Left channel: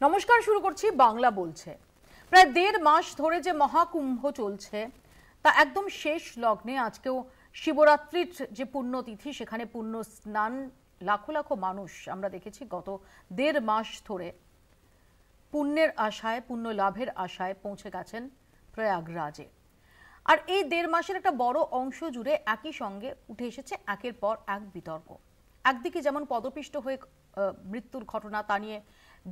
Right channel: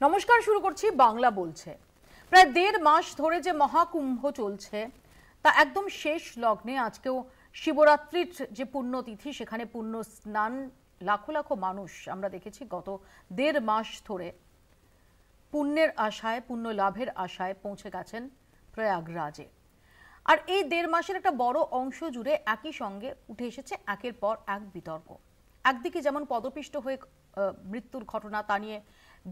নমস্কার, শুরু করছি বাংলা বলছে। প্রায় ১.৫ মাস ধরে যে মহাকুম্ভ চলছে তা একদম শেষ লগ্নে। আজকেও শিবরাত্রির যে পুণ্যতিথি, সেখানে পুণ্য স্নান লাখো লাখো মানুষ আমরা দেখেছি গত ১.৫ মাস ধরে পুণ্যের আশায়, পুণ্য লাভের আশায় পৌঁছে গেছেন প্রয়াগরাজে। আর এই ১.৫ মাসের একটা বড় অংশ জুড়ে একই সঙ্গে উঠে এসেছে একের পর এক বিতর্ক। একদিকে যেমন পদপিষ্ট হয়ে মৃত্যুর ঘটনা, তা নিয়ে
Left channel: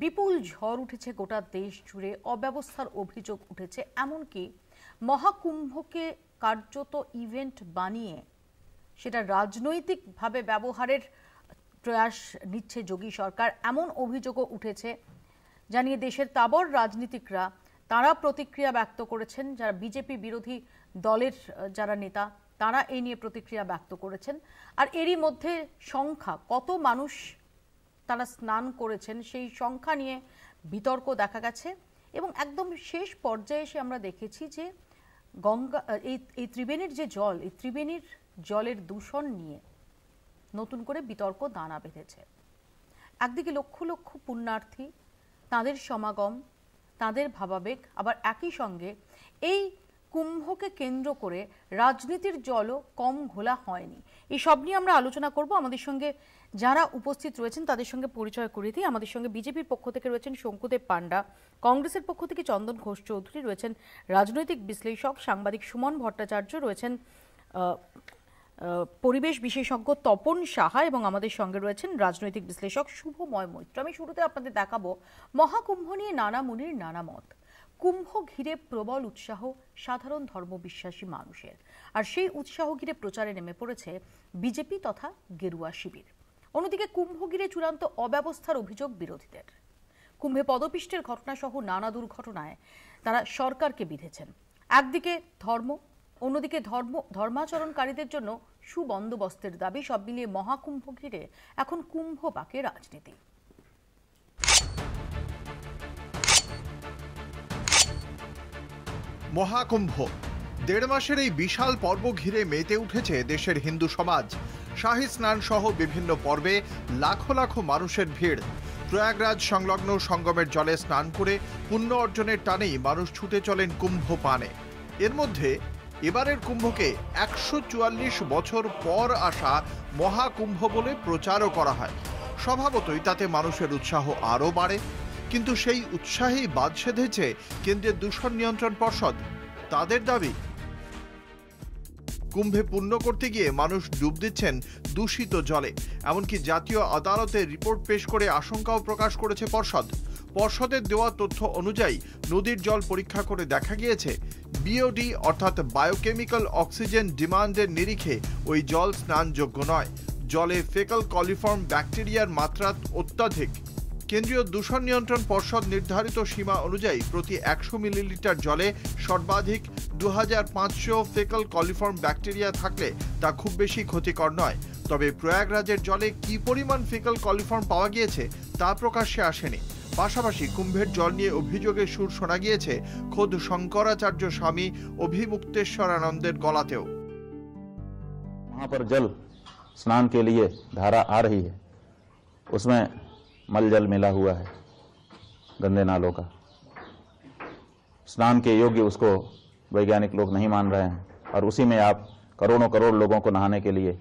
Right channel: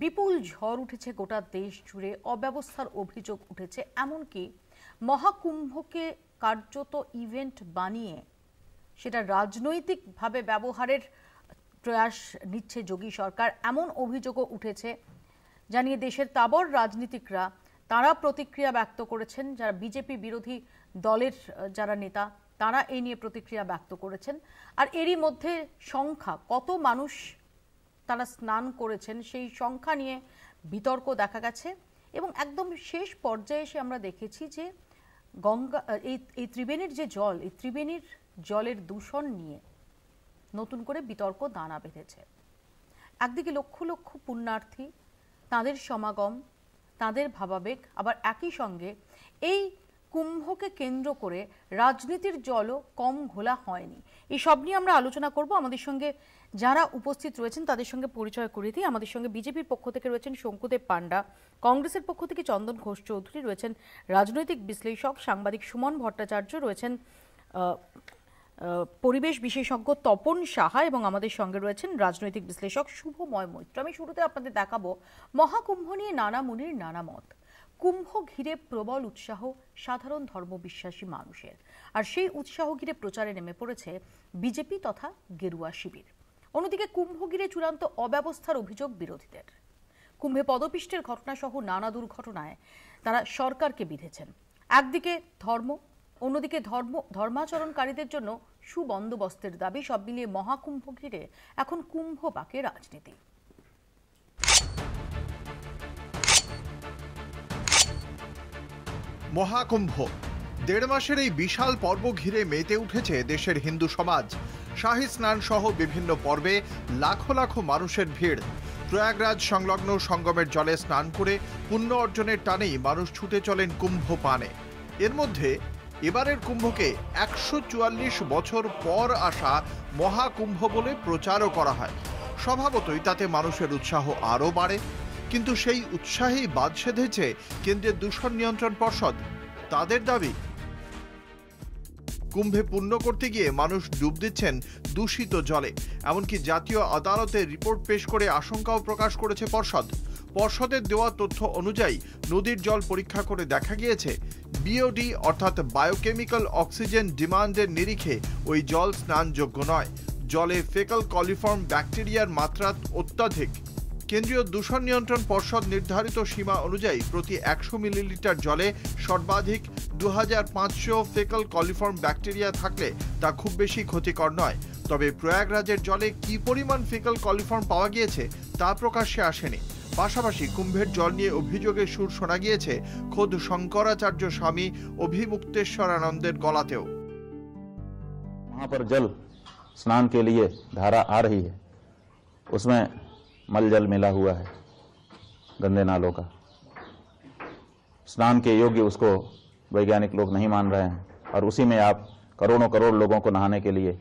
বিপুল ঝড় উঠেছে গোটা দেশ জুড়ে, অব্যবস্থার অভিযোগ উঠেছে, এমনকি মহাকুম্ভকে কার্যত ইভেন্ট বানিয়ে সেটা রাজনৈতিকভাবে ব্যবহারের প্রয়াস নিচ্ছে যোগী সরকার, এমন অভিযোগও উঠেছে। জানিয়ে দেশের তাবর রাজনীতিকরা তারা প্রতিক্রিয়া ব্যক্ত করেছেন। যারা বিজেপি বিরোধী দলের যারা নেতা, তারা এই নিয়ে প্রতিক্রিয়া ব্যক্ত করেছেন। আর এরই মধ্যে সংখ্যা, কত মানুষ তারা স্নান করেছেন সেই সংখ্যা নিয়ে বিতর্ক দেখা গেছে। এবং একদম শেষ পর্যায়ে এসে আমরা দেখেছি যে গঙ্গা, এই ত্রিবেণীর যে জল, এই ত্রিবেণীর জলের দূষণ নিয়ে নতুন করে বিতর্ক দানা বেঁধেছে। একদিকে লক্ষ লক্ষ পুণ্যার্থী, তাদের সমাগম, তাদের ভাবাবেগ, আবার একই সঙ্গে এই কুম্ভকে কেন্দ্র করে রাজনীতির জলও কম ঘোলা হয়নি। এই সব নিয়ে আমরা আলোচনা করব। আমাদের সঙ্গে যারা উপস্থিত রয়েছেন তাদের সঙ্গে পরিচয় করে দিই। আমাদের সঙ্গে বিজেপির পক্ষ থেকে রয়েছেন শঙ্কুদেব পান্ডা, কংগ্রেসের পক্ষ থেকে চন্দন ঘোষ চৌধুরী, রয়েছেন রাজনৈতিক বিশ্লেষক সাংবাদিক সুমন ভট্টাচার্য, রয়েছেন পরিবেশ বিশেষজ্ঞ তপন সাহা, এবং আমাদের সঙ্গে রয়েছেন রাজনৈতিক বিশ্লেষক শুভময় মৈত্র। আমি শুরুতে আপনাদের দেখাবো মহাকুম্ভ নিয়ে নানা মুনির নানা মত। কুম্ভ ঘিরে প্রবল উৎসাহ সাধারণ ধর্মবিশ্বাসী মানুষের, আর সেই উৎসাহ ঘিরে প্রচারে নেমে পড়েছে বিজেপি তথা গেরুয়া শিবির। অন্যদিকে কুম্ভ ঘিরে চূড়ান্ত অব্যবস্থার অভিযোগ বিরোধীদের। কুম্ভে পদপিষ্টের ঘটনা সহ নানা দুর্ঘটনায় তারা সরকারকে বিঁধেছেন। একদিকে ধর্ম, অন্যদিকে ধর্মাচরণকারীদের জন্য সুবন্দোবস্তের দাবি। সব মিলিয়ে মহাকুম্ভ ঘিরে এখন কুম্ভ পাকে রাজনীতি। মহাকুম্ভ ১.৫ মাসের এই বিশাল পর্ব ঘিরে মেতে উঠেছে দেশের হিন্দু সমাজ। শাহী স্নান সহ বিভিন্ন পর্বে লাখো লাখো মানুষের ভিড়। প্রয়াগরাজ সংলগ্ন সঙ্গমের জলে স্নান করে পুণ্য অর্জনের টানেই মানুষ ছুটে চলেন কুম্ভ পানে। এর মধ্যে এবারের কুম্ভকে ১৪৪ বছর পর আসা মহাকুম্ভ বলে প্রচারও করা হয়। স্বভাবতই তাতে মানুষের উৎসাহ আরও বাড়ে। কিন্তু সেই উৎসাহেই বাদ সেধেছে কেন্দ্রীয় দূষণ নিয়ন্ত্রণ পর্ষদ। তাদের দাবি, কুম্ভে পুণ্য করতে গিয়ে মানুষ ডুব দিচ্ছেন দূষিত জলে। এমনকি জাতীয় আদালতে রিপোর্ট পেশ করে আশঙ্কাও প্রকাশ করেছে পর্ষদ। পর্ষদের দেওয়া তথ্য অনুযায়ী নদীর জল পরীক্ষা করে দেখা গিয়েছে বিওডি অর্থাৎ বায়োকেমিক্যাল অক্সিজেন ডিমান্ডের নিরিখে ওই জল স্নানযোগ্য নয়। জলে ফেকাল কলিফর্ম ব্যাকটেরিয়ার মাত্রা অত্যাধিক। কেন্দ্রীয় দূষণ নিয়ন্ত্রণ পর্ষদ নির্ধারিত সীমা অনুযায়ী প্রতি ১০০ মিলিলিটার জলে সর্বাধিক ২৫০০ ফেকাল কলিফর্ম ব্যাকটেরিয়া থাকলে তা খুব বেশি ক্ষতিকর নয়। তবে প্রয়াগরাজের জলে কি পরিমাণ ফেকাল কলিফর্ম পাওয়া গিয়েছে তা প্রকাশ্যে আসেনি। পাশাপাশি কুম্ভের জল নিয়ে অভিযোগের সুর শোনা গিয়েছে খোদ শঙ্করাচার্য স্বামী অভিমুক্তেশ্বরানন্দের গলাতেও। वहां पर जल स्नान के लिए धारा आ रही है, उसमें मल जल मिला हुआ है गंदे नालों का। स्नान के योग्य उसको वैज्ञानिक लोग नहीं मान रहे हैं, और उसी में आप करोड़ों करोड़ लोगों को नहाने के लिए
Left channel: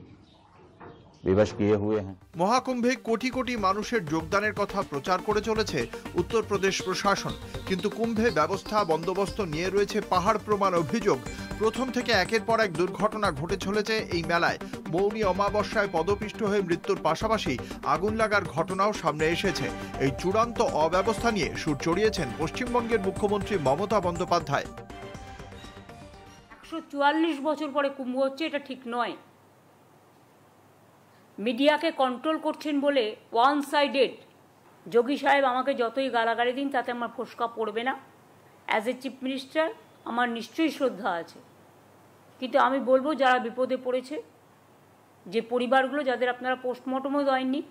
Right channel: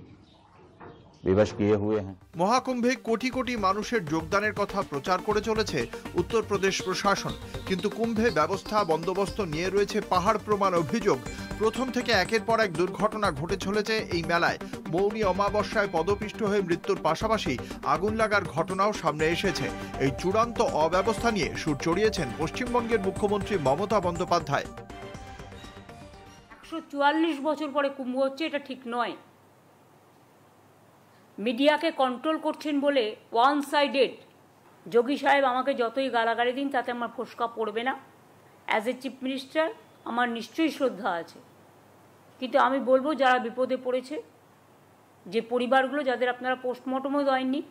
विवश किए हुए हैं। মহাকুম্ভে কোটি কোটি মানুষের যোগদানের কথা প্রচার করে চলেছে উত্তরপ্রদেশ প্রশাসন। কিন্তু কুম্ভে ব্যবস্থা বন্দোবস্ত নিয়ে রয়েছে পাহাড় প্রমাণ অভিযোগ। প্রথম থেকে একের পর এক দুর্ঘটনা ঘটে চলেছে এই মেলায়। মৌনী অমাবস্যায় পদপিষ্ট হয়ে মৃত্যুর পাশাপাশি আগুন লাগার ঘটনাও সামনে এসেছে। এই চূড়ান্ত অব্যবস্থা নিয়ে সুর চড়িয়েছেন পশ্চিমবঙ্গের মুখ্যমন্ত্রী মমতা বন্দ্যোপাধ্যায়। ১৪৪ বছর পরে কুম্ভ হচ্ছে, এটা ঠিক নয়। মিডিয়াকে কন্ট্রোল করছেন বলে ওয়ান সাইডেড যোগী সাহেব আমাকে যতই গালাগালি দিন তাতে আমার ফোসকা পড়বে না। অ্যাজ এ চিফ মিনিস্টার আমার নিশ্চয়ই শ্রদ্ধা আছে, কিন্তু আমি বলবো যারা বিপদে পড়েছে, যে পরিবারগুলো যাদের আপনারা পোস্টমর্টমও দেননি,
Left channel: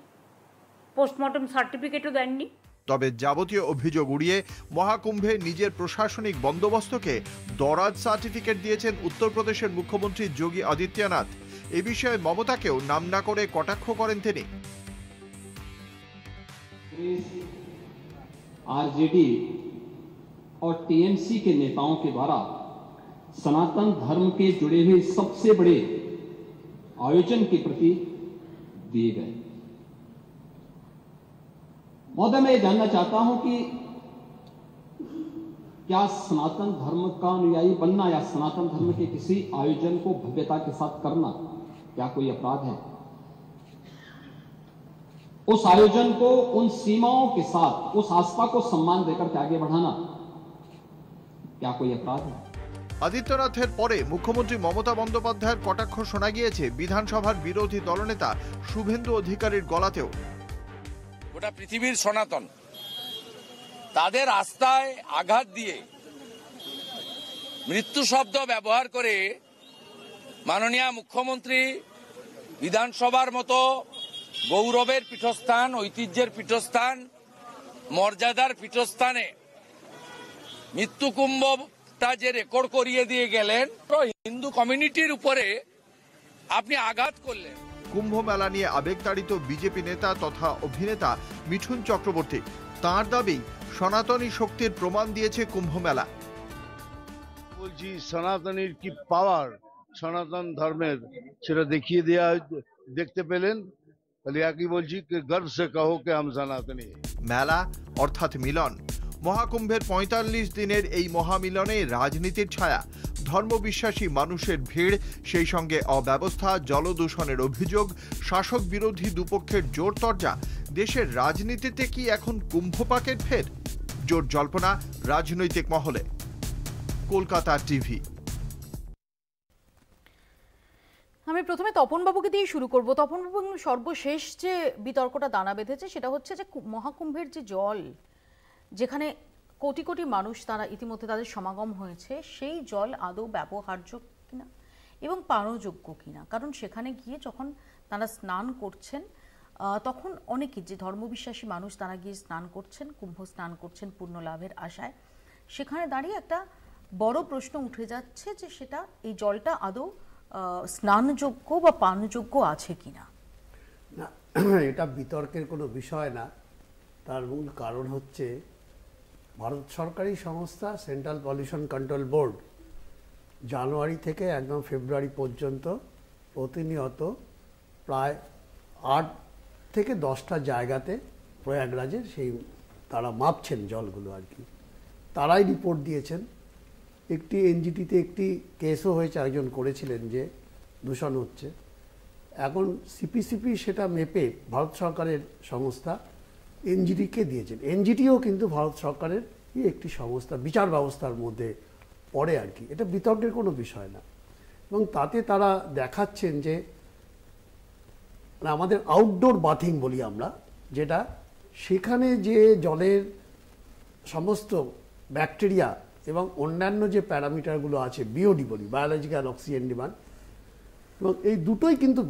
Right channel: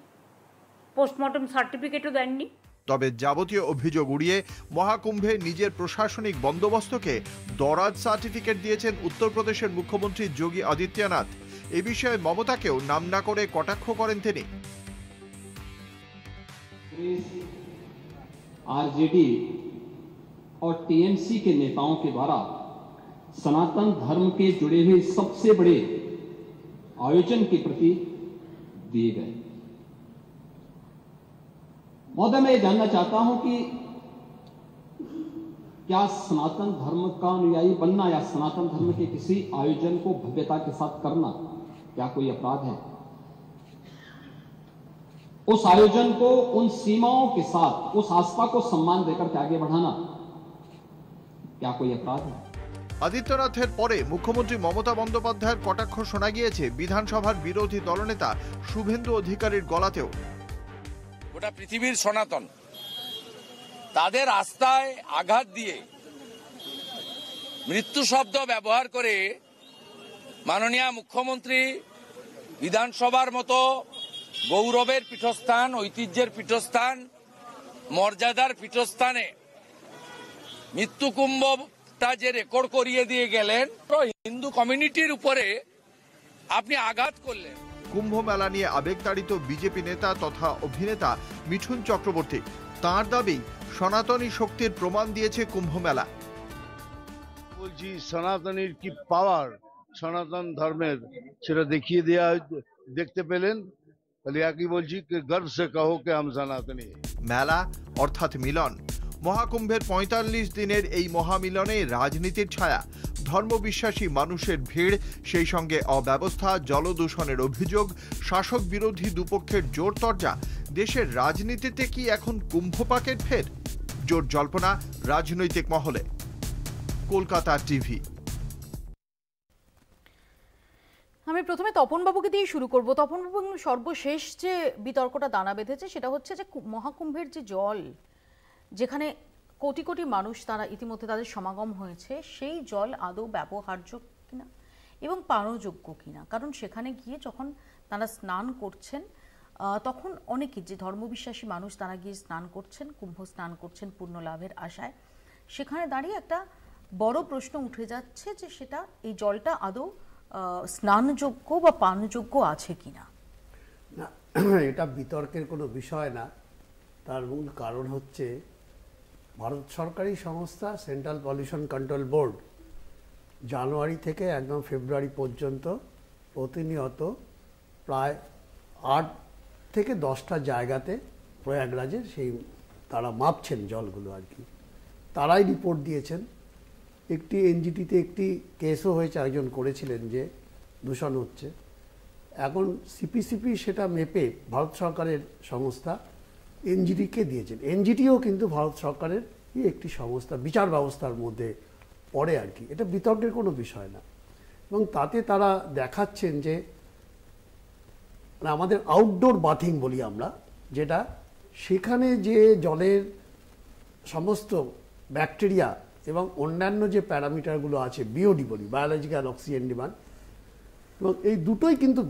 পোস্টমর্টম সার্টিফিকেটও দেননি। তবে যাবতীয় অভিযোগ উড়িয়ে মহাকুম্ভে নিজের প্রশাসনিক বন্দোবস্তকে দরাজ সার্টিফিকেট দিয়েছেন উত্তরপ্রদেশের মুখ্যমন্ত্রী যোগী আদিত্যনাথ। এ বিষয়ে মমতাকেও নাম না করে কটাক্ষ করেন তিনি। आरजेडी और टीएमसी के नेताओं के द्वारा सनातन धर्म के जुड़े हुए सबसे बड़े आयोजन के प्रति दिए गए। महोदय, मैं ये जानना चाहता हूं कि क्या सनातन धर्म का अनुयायी बनना या सनातन धर्म के किसी आयोजन को भव्यता के साथ करना क्या कोई अपराध है? उस आयोजन को उन सीमाओं के साथ उस आस्था को सम्मान देकर के आगे बढ़ाना क्या कोई अपराध है? আদিত্যনাথের পরে মুখ্যমন্ত্রী মমতা বন্দ্যোপাধ্যায়ের কটাক্ষ শোনা গিয়েছে বিধানসভার বিরোধী দলনেতা শুভেন্দু অধিকারীর গলাতেও। গোটা পৃথিবীর সনাতন তাদের আস্থায় আঘাত দিয়ে মৃত্যু শব্দ ব্যবহার করে মাননীয় মুখ্যমন্ত্রী বিধানসভার মতো গৌরবের পীঠস্থান, ঐতিহ্যের পীঠস্থান, মর্যাদার পীঠস্থানে মৃত্যুকুম্ভটা যে রেকর্ড করিয়ে দিয়ে গেলেন, হিন্দু কমিউনিটির উপরে আপনি আঘাত করলেন। কুম্ভ মেলা নিয়ে আবেগতাড়িত বিজেপি নেতা তথা অভিনেতা মিঠুন চক্রবর্তী। তাঁর দাবি সনাতনী শক্তির প্রমাণ দিয়েছে কুম্ভ মেলা। বলছি সনাতনীর কি পাওয়ার, সনাতন ধর্মের সেটা দেখিয়ে দেওয়া দেখতে পেলেন। তাহলে একই বলছি कि गर्व से कहो कि हम सनातनी। মেলা অর্থাৎ মিলন। মহাকুম্ভের ৪৫ দিনের এই মহামিলনে রাজনীতির ছায়া, ধর্মবিশ্বাসী মানুষের ভিড়, সেই সঙ্গে অব্যবস্থা, জলদূষণের অভিযোগ, শাসক বিরোধী দুপক্ষের জোর তরজা। দেশের রাজনীতিতে কি এখন কুম্ভপাকের ফের? জোর জল্পনা রাজনৈতিক মহলে। কলকাতা টিভি। আমি প্রথমে তপনবাবুকে দিয়ে শুরু করব। তপনবাবু, সর্বশেষ যে বিতর্কটা দানা বেঁধেছে সেটা হচ্ছে যে মহাকুম্ভের যে জল, যেখানে কোটি কোটি মানুষ তারা ইতিমধ্যে তাদের সমাগম হয়েছে, সেই জল আদৌ ব্যবহার্য কিনা এবং পানযোগ্য কিনা। কারণ সেখানে গিয়ে যখন তারা স্নান করছেন তখন অনেকে যে ধর্মবিশ্বাসী মানুষ তারা গিয়ে স্নান করছেন, কুম্ভ স্নান করছেন পূর্ণ লাভের আশায়। সেখানে দাঁড়িয়ে একটা বড় প্রশ্ন উঠে যাচ্ছে যে সেটা এই জলটা আদৌ স্নানযোগ্য বা পানযোগ্য আছে কিনা। না, এটা বিতর্কের কোনো বিষয় না। তার মূল কারণ হচ্ছে ভারত সরকারি সংস্থা সেন্ট্রাল পলিউশন কন্ট্রোল বোর্ড জানুয়ারি থেকে একদম ফেব্রুয়ারি পর্যন্ত প্রতিনিয়ত প্রায় ৮ থেকে ১০টা জায়গাতে প্রয়াগরাজের সেই তারা মাপছেন জলগুলো আর কি। তারাই রিপোর্ট দিয়েছেন। একটি এনজিটিতে একটি কেসও হয়েছে, একজন করেছিলেন যে দূষণ হচ্ছে। এখন সিপিসিপি সেটা মেপে ভারত সরকারের সংস্থা এনজিটিকে দিয়েছেন। এনজিটিও কিন্তু ভারত সরকারের একটি সংস্থা, বিচার ব্যবস্থার মধ্যে পড়ে আর কি। এটা বিতর্কের কোনো বিষয় না। এবং তাতে তারা দেখাচ্ছেন যে আমাদের আউটডোর বাথিং বলি আমরা, যেটা সেখানে যে জলের সমস্ত ব্যাকটেরিয়া এবং অন্যান্য যে প্যারামিটারগুলো আছে, বিওডি বলি, বায়োলজিক্যাল অক্সিজেন ডিমান্ড, এবং এই দুটোই কিন্তু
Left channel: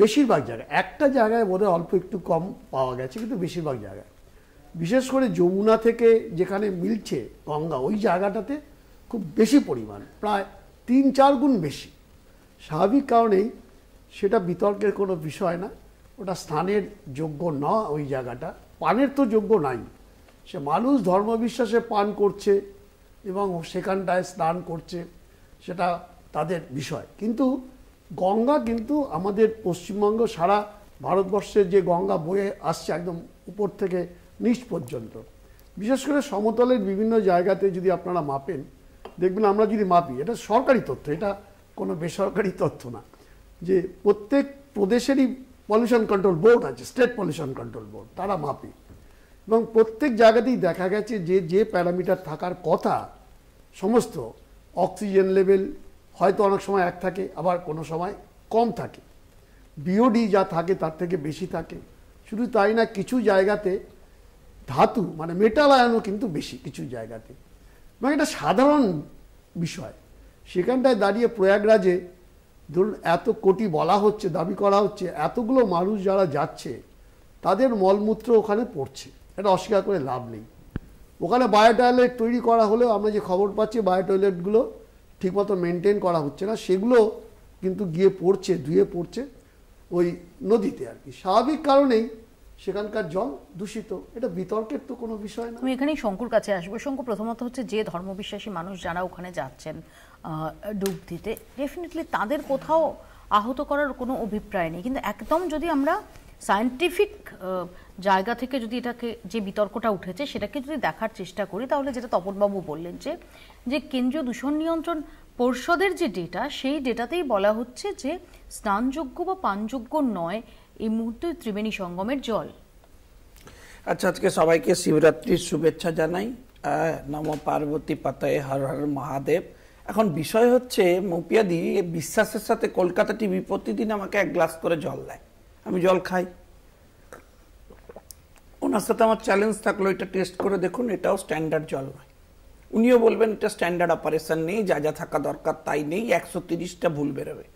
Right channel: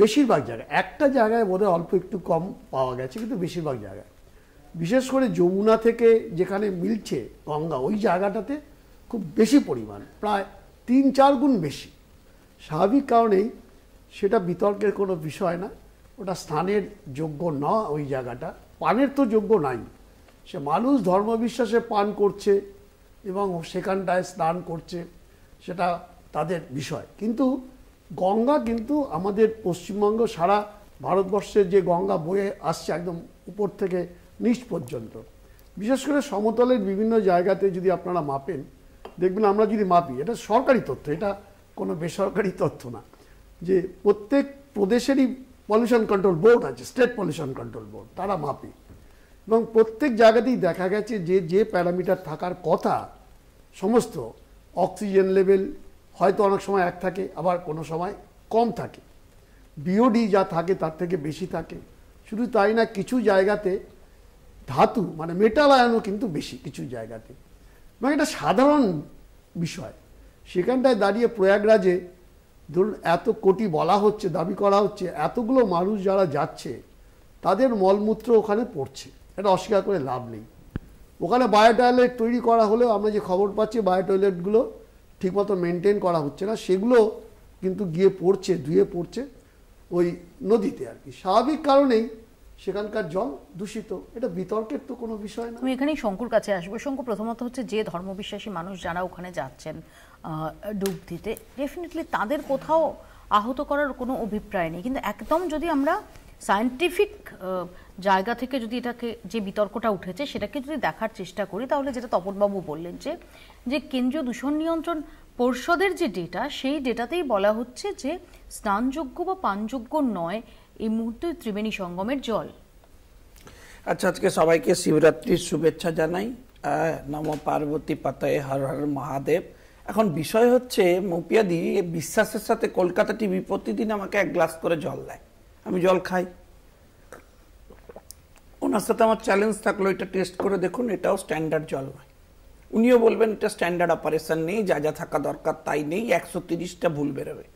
বেশিরভাগ জায়গায়, একটা জায়গায় বোধহয় অল্প একটু কম পাওয়া গেছে, কিন্তু বেশিরভাগ জায়গায়, বিশেষ করে যমুনা থেকে যেখানে মিলছে গঙ্গা, ওই জায়গাটাতে খুব বেশি পরিমাণ, প্রায় ৩-৪ গুণ বেশি। স্বাভাবিক কারণেই সেটা বিতর্কের কোনো বিষয় না। ওটা স্নানের যোগ্য না, ওই জায়গাটা পানের তো যোগ্য নাই। সে মানুষ ধর্মবিশ্বাসে পান করছে এবং সেখানটায় স্নান করছে, সেটা তাদের বিষয়। কিন্তু গঙ্গা কিন্তু আমাদের পশ্চিমবঙ্গ, সারা ভারতবর্ষের যে গঙ্গা বয়ে আসছে একদম উপর থেকে নিচ পর্যন্ত, বিশেষ করে সমতলের বিভিন্ন জায়গাতে যদি আপনারা মাপেন, দেখবেন আমরা যদি মাপি, এটা সরকারি তথ্য, এটা কোনো বেসরকারি তথ্য না, যে প্রত্যেক প্রদেশেরই পলিউশন কন্ট্রোল বোর্ড আছে, স্টেট পলিউশন কন্ট্রোল বোর্ড, তারা মাপে। এবং প্রত্যেক জায়গাতেই দেখা গেছে যে যে প্যারামিটার থাকার কথা, সমস্ত অক্সিজেন লেভেল হয়তো অনেক সময় এক থাকে, আবার কোনো সময় কম থাকে, বিওডি যা থাকে তার থেকে বেশি থাকে। শুধু তাই না, কিছু জায়গাতে ধাতু মানে মেটাল আয়নও কিন্তু বেশি কিছু জায়গাতে। এবং এটা সাধারণ বিষয়। সেখানটায় দাঁড়িয়ে প্রয়াগরাজে ধরুন এত কোটি বলা হচ্ছে, দাবি করা হচ্ছে, এতগুলো মানুষ যারা যাচ্ছে তাদের মলমূত্র ওখানে পড়ছে, এটা অস্বীকার করে লাভ নেই। ওখানে বায়ো টয়লেট তৈরি করা হলেও আমরা যে খবর পাচ্ছি বায়ো টয়লেটগুলো ঠিকমতো মেনটেন করা হচ্ছে না, সেগুলো কিন্তু গিয়ে পড়ছে, ধুয়ে পড়ছে ওই নদীতে আর কি। স্বাভাবিক কারণেই সেখানকার জল দূষিত, এটা বিতর্কের তো কোনো বিষয় না। আমি এখানেই শঙ্কুর কাছে আসবো। শঙ্কু, প্রথমত হচ্ছে যে ধর্মবিশ্বাসী মানুষ যারা ওখানে যাচ্ছেন ডুব দিতে, ডেফিনেটলি তাদের কোথাও আহত করার কোনো অভিপ্রায় নেই, কিন্তু একদম যদি আমরা সায়েন্টিফিক জায়গা থেকে যদি এটাকে, যে বিতর্কটা উঠেছে সেটাকে যদি দেখার চেষ্টা করি, তাহলে যেটা তপনবাবু বললেন যে কেন্দ্রীয় দূষণ নিয়ন্ত্রণ পর্ষদের যে ডেটা, সেই ডেটাতেই বলা হচ্ছে যে স্নানযোগ্য বা পানযোগ্য নয় এই মুহূর্তে ত্রিবেণী সঙ্গমের জল। আচ্ছা, আজকে সবাইকে শিবরাত্রির শুভেচ্ছা জানাই। নম পার্বতী পাতায়ে হর হর মহাদেব। এখন বিষয় হচ্ছে, মৌপিয়াদি বিশ্বাসের সাথে কলকাতা টিভি প্রতিদিন আমাকে 1 গ্লাস করে জল দেয়, আমি জল খাই। ওনার সাথে আমার চ্যালেঞ্জ থাকলো, এটা টেস্ট করে দেখুন, এটাও স্ট্যান্ডার্ড জল নয়। উনিও বলবেন এটা স্ট্যান্ডার্ড অপারেশন নেই, যা যা থাকা দরকার তাই নেই, 130টা ভুল বেরোবে।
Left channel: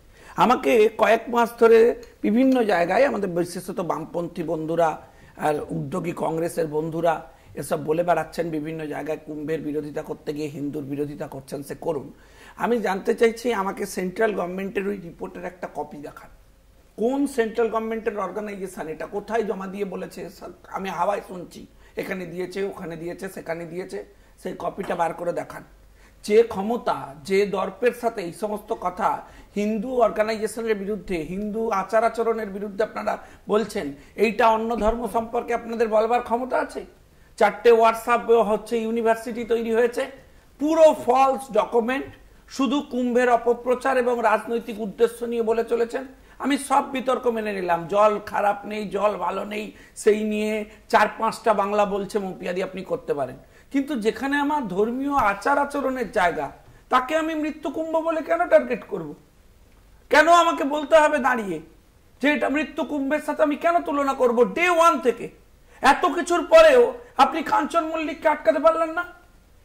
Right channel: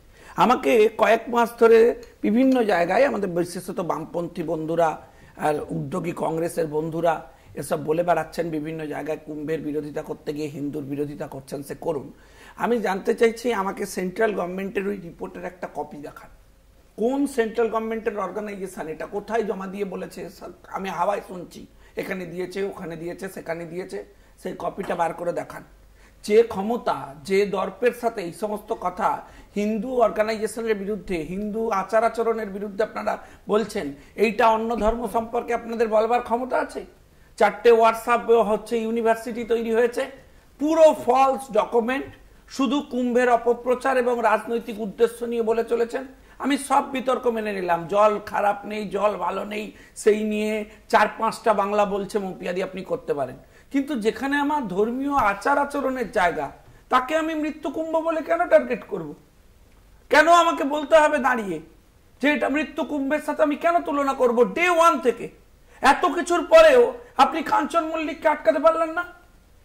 আমাকে কয়েক মাস ধরে বিভিন্ন জায়গায় আমাদের বিশেষত বামপন্থী বন্ধুরা আর উদ্যোগী কংগ্রেসের বন্ধুরা এসব বলে বেড়াচ্ছেন, বিভিন্ন জায়গায় কুম্ভের বিরোধিতা করতে গিয়ে হিন্দুর বিরোধিতা করছেন, সে করুন। আমি জানতে চাইছি, আমাকে সেন্ট্রাল গভর্নমেন্টের ওই রিপোর্টের একটা কপি দেখান। কোন সেন্ট্রাল গভর্নমেন্টের অর্গানাইজেশন এটা, কোথায় জমা দিয়ে বলেছে? আমি হাওয়ায় শুনছি, এখানে দিয়েছে, ওখানে দিয়েছে, সেখানে দিয়েছে, সেই কপিটা বার করে দেখান। যে ক্ষমতা, যে দর্পের সাথে এই সমস্ত কথা হিন্দু অর্গানাইজেশনের বিরুদ্ধে, হিন্দু আচার আচরণের বিরুদ্ধে আপনারা বলছেন, এইটা অন্য ধর্ম সম্পর্কে আপনাদের বলবার ক্ষমতা আছে? 4টে হোয়াটসঅ্যাপ হচ্ছে ইউনিভার্সিটি তৈরি হয়েছে, পুরো ফলস ডকুমেন্ট, শুধু কুম্ভের অপপ্রচার এবং রাজনৈতিক উদ্দেশ্য নিয়ে বলে চলেছেন। আমি সব বিতর্ক মেনে নিলাম, জল খারাপ নেই, জল ভালো নেই, সেই নিয়ে 4-5টা বাংলা বলছে মৌপিয়াদি আপনি করতে পারেন, কিন্তু যেখানে আমার ধর্মীয় আচার আচরণের জায়গা, তাকে আমি মৃত্যু কুম্ভ বলে কেন টার্গেট করব? কেন আমাকে বলতে হবে দাঁড়িয়ে যে এটা মৃত্যু কুম্ভের সাথে আমি কেন তুলনা করব? ডে 1 থেকে এত কিছুর পরেও আপনি কাঞ্চন মল্লিককে আটকাতে পারলেন না?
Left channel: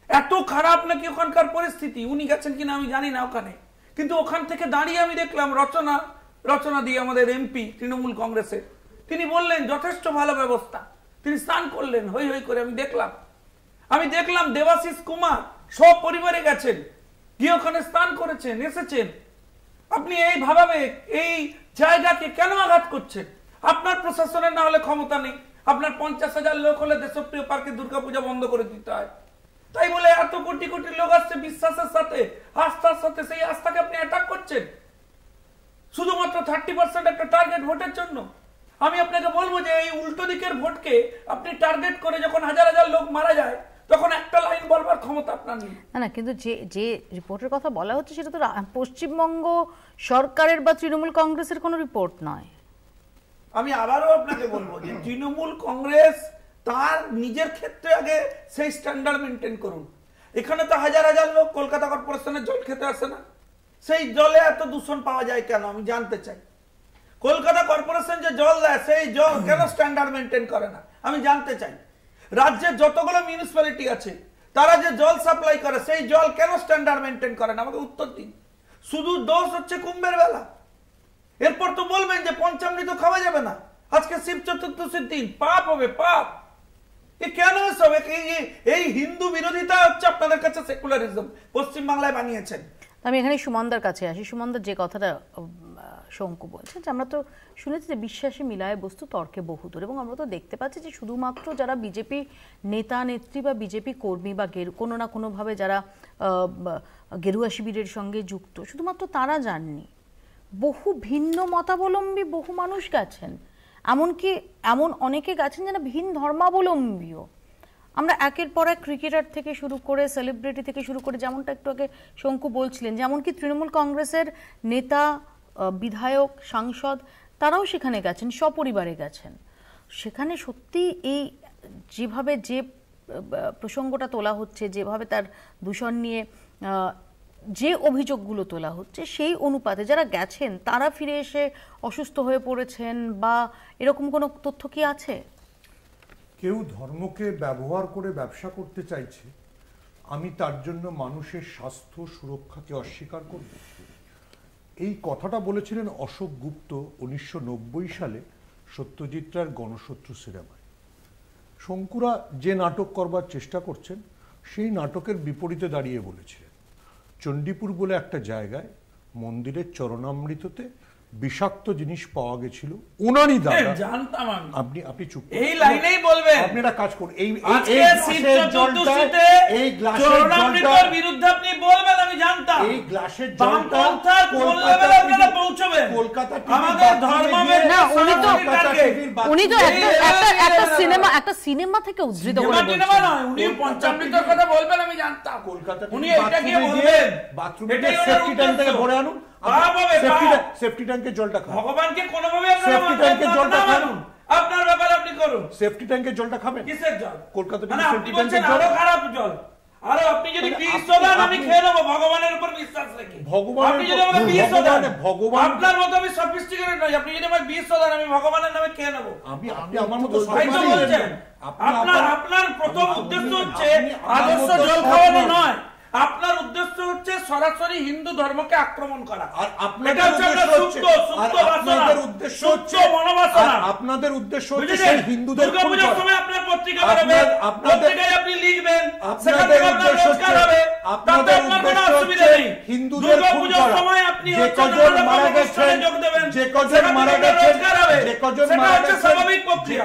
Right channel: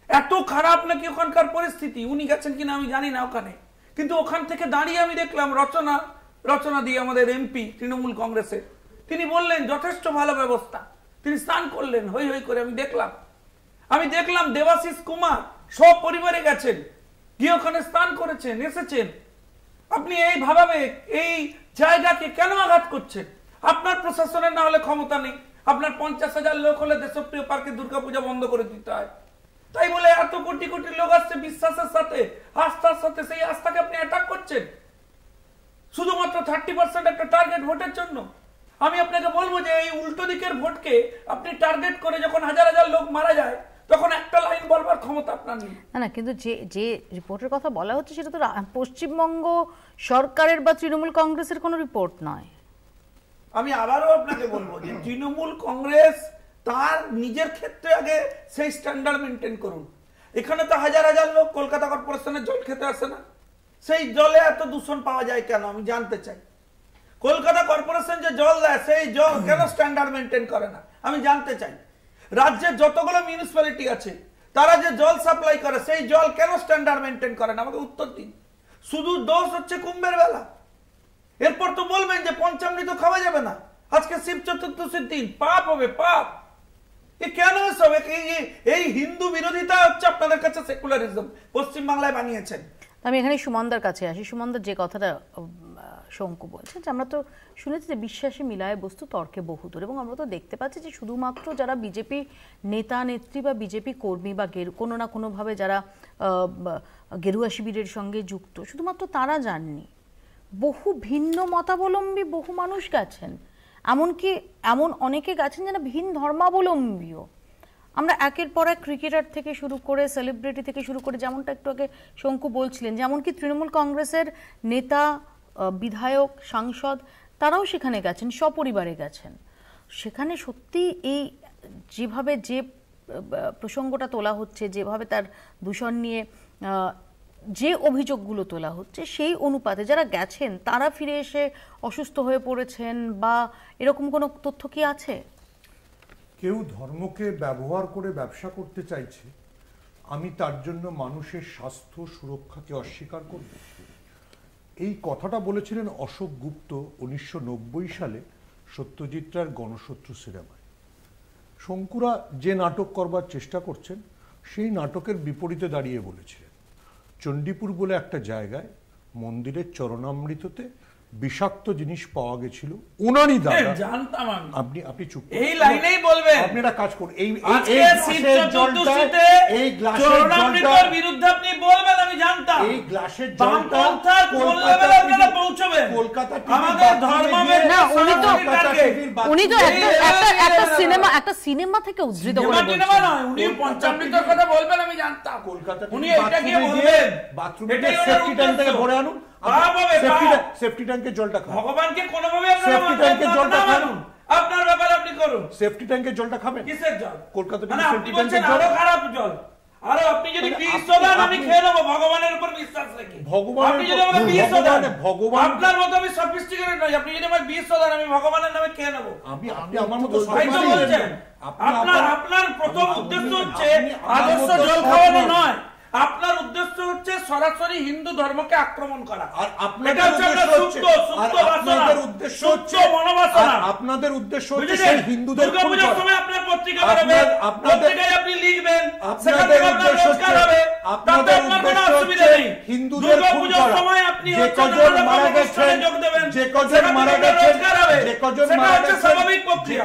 এত খারাপ নাকি ওখানকার পরিস্থিতি? উনি গেছেন কিনা আমি জানি না ওখানে, কিন্তু ওখান থেকে দাঁড়িয়ে আমি দেখলাম রচনা দিয়ে আমাদের এমপি তৃণমূল কংগ্রেসের, তিনি বললেন যথেষ্ট ভালো ব্যবস্থা, তিনি স্নান করলেন হই হই করে। আমি দেখলাম দেবাশিস কুমার সব পরিবারে গেছেন, গিয়ে ওখানে স্নান করেছেন, এসেছেন। আপনি এই ভাবে এই জায়গাকে কেন আঘাত করছেন? আপনার প্রশাসনের না হলে ক্ষমতা নেই, আপনার 50,000 লোক হলে দেশপ্রিয় পার্কে দুর্গাপূজা বন্ধ করে দিতে হয়, তাই বলে এত কোটি কোটি লোক আসছে বিশ্বাসের সাথে, আস্থার সাথে, সেই আস্থাকে আপনি অ্যাটাক করছেন শুধুমাত্র 30% একটা টার্গেট ভোটের জন্য। আমি আপনাকে বলবো যে এই উল্টো দিকের ভোটকে আপনি টার্গেট করে যখন হাজার হাজার লোক মারা যায়, তখন একটা লাইন বলবার ক্ষমতা আপনার নেই। না, কিন্তু যে রিপোর্টের কথা বলা হচ্ছে সেটা তো পশ্চিমবঙ্গ সরকারের বা তৃণমূল কংগ্রেসের কোনো রিপোর্ট নয়। আমি আবারও আপনাকে বলবো যে তৃণমূল কংগ্রেস তার নিজের ক্ষেত্রে আগে সেই স্ট্যান্ডার্ড মেনটেন করুন। এখানে তো হাজার হাজার লোক কলকাতা কর্পোরেশনের জল খেতে আসে না, সেই জলে এত দূষণ পাওয়া যায় কেন আমি জানতে চাই। কলকাতা কর্পোরেশন যে জল দেয়, সেই জল কেন স্ট্যান্ডার্ড মেনটেন করে না আমি জানতে চাই। রাজ্যের যতগুলো মিউনিসিপ্যালিটি আছে তারা যে জল সাপ্লাই করে, সেই জল কেন স্ট্যান্ডার্ড মেনটেন করে না আমাকে উত্তর দিন। শুধু দোষ হচ্ছে কুম্ভের বেলা, এরপর তো বলবেন যে পঞ্চামৃত খাওয়া যাবে না, আজকে শিব চতুর্দশীর দিন, পাপ হবে পাপ। এ কেন এসব? এই হিন্দু বিরোধিতা হচ্ছে আপনাদের কাছে সেকুলারিজম পশ্চিমবাংলায় বানিয়েছেন। আমি এখানে সুমনদার কাছে আসি। সুমনদার যে কথাটা শঙ্কু বলছে, যে আমরা তো শুনেছি যে বিশ্বাসে মিলায় বস্তু তর্কে বহুদূর, এবং আমরা তো দেখতে পাচ্ছি যে শুধুমাত্র যারা বিজেপি নেতা নেত্রী বা বিজেপি কর্মী বা কোনো না কোনোভাবে যারা গেরুয়া শিবিরের সঙ্গে যুক্ত, শুধুমাত্র তারা যাননি, বহু ভিন্ন মতাবলম্বী বহু মানুষ গেছেন, এমনকি এমন অনেকে গেছেন যারা ভিন্ন ধর্মাবলম্বীও। আমরা একের পর এক ক্রিকেটার থেকে শুরু করে সেলিব্রিটি থেকে শুরু করে, যেমনটা একটু আগে শঙ্কু বলছিলেন, যেমনকি তৃণমূল কংগ্রেসের নেতা, বিধায়ক, সাংসদ, তারাও সেখানে গেছেন, সপরিবারে গেছেন। সেখানে সত্যি এই যেভাবে যে প্রসঙ্গটা তোলা হচ্ছে, যেভাবে তার দূষণ নিয়ে যে অভিযোগগুলো তোলা হচ্ছে, সেই অনুপাতে যারা গেছেন তারা ফিরে এসে অসুস্থ হয়ে পড়েছেন বা এরকম কোনো তথ্য কি আছে? কেউ ধর্মকে ব্যবহার করে ব্যবসা করতে চাইছে, আমি তার জন্য মানুষের স্বাস্থ্য সুরক্ষাকে অস্বীকার করব? এই কথাটা বলেছিলেন অশোক গুপ্ত 1990 সালে সত্যজিৎ রায়ের গণশত্রু সিনেমায়। শঙ্কুরা যে নাটক করবার চেষ্টা করছেন, সেই নাটকের বিপরীতে দাঁড়িয়ে বলেছিলেন চণ্ডীপুর বলে একটা জায়গায় মন্দিরের চরণামৃততে বিষাক্ত জিনিস পাওয়া গেছিল ওনারই দাদা। জানতাম আপনি চুপ এই লাইনেই বলবেন। আপনি একটা কাজ করুন, এই গ্লাসের জলটার বিরুদ্ধে আপনি বলবেন, আমি জানতাম। এই গ্লাসের জলটা পৌঁছবেন কলকাতা আমাদের ধর্মবেদ না, উনি তো একটা সিনেমা থেকে উদ্ধৃত করে বলছেন। উনি পঞ্চামৃতের কথা বলবেন, আমি জানতাম। কলকাতা উনি এটা কি বলবেন? বাথরুমে সেফটি ট্যাঙ্ক থেকে ভরে আনুন, সেফটি ট্যাঙ্কের জলটা খান। ভগবানকে কোনোভাবে সেফটি ট্যাঙ্কের জলটা খান, আপনার ব্যাপার আপনি করুন। সেফটি ট্যাঙ্কের জলটা খাবেন। কিসের জল? কলকাতা মানে আপনি বলছেন আরো খারাপ জল। আরে আপনি যদি বিষ দেন আমি খেয়ে নেবো ভগবানের উপর বিশ্বাস রেখে। আপনি যদি আমাকে বিষ দেন, আপনার মতো আমি সফিস্টিকেটেড নই। আপনি যদি আমাকে বিষ দেন আমি ভগবানের নামে খেয়ে নেবো। আপনি আমার মতো বলছেন। আপনার প্রথম উদ্দেশ্য হচ্ছে আদর্শ জল খাওয়ানো নয়, আপনার উদ্দেশ্য হচ্ছে সরাসরি হিন্দু ধর্মকে আক্রমণ করা। আর আপনাদের উদ্দেশ্য হচ্ছে হিন্দুদের দুর্গাপূজার সময় আপনার পত্রিকা বেরোবেন, পত্রিকায় আপনি লিখবেন, সেখান থেকে আপনার রোজগার হবে, তাতে আপনার কোনো অসুবিধা নেই। দুর্গাপূজার সময় আপনি যোগ দেবেন, সেখান থেকে রোজগার হবে, সেটা হচ্ছে স্বাভাবিক পত্রিকা।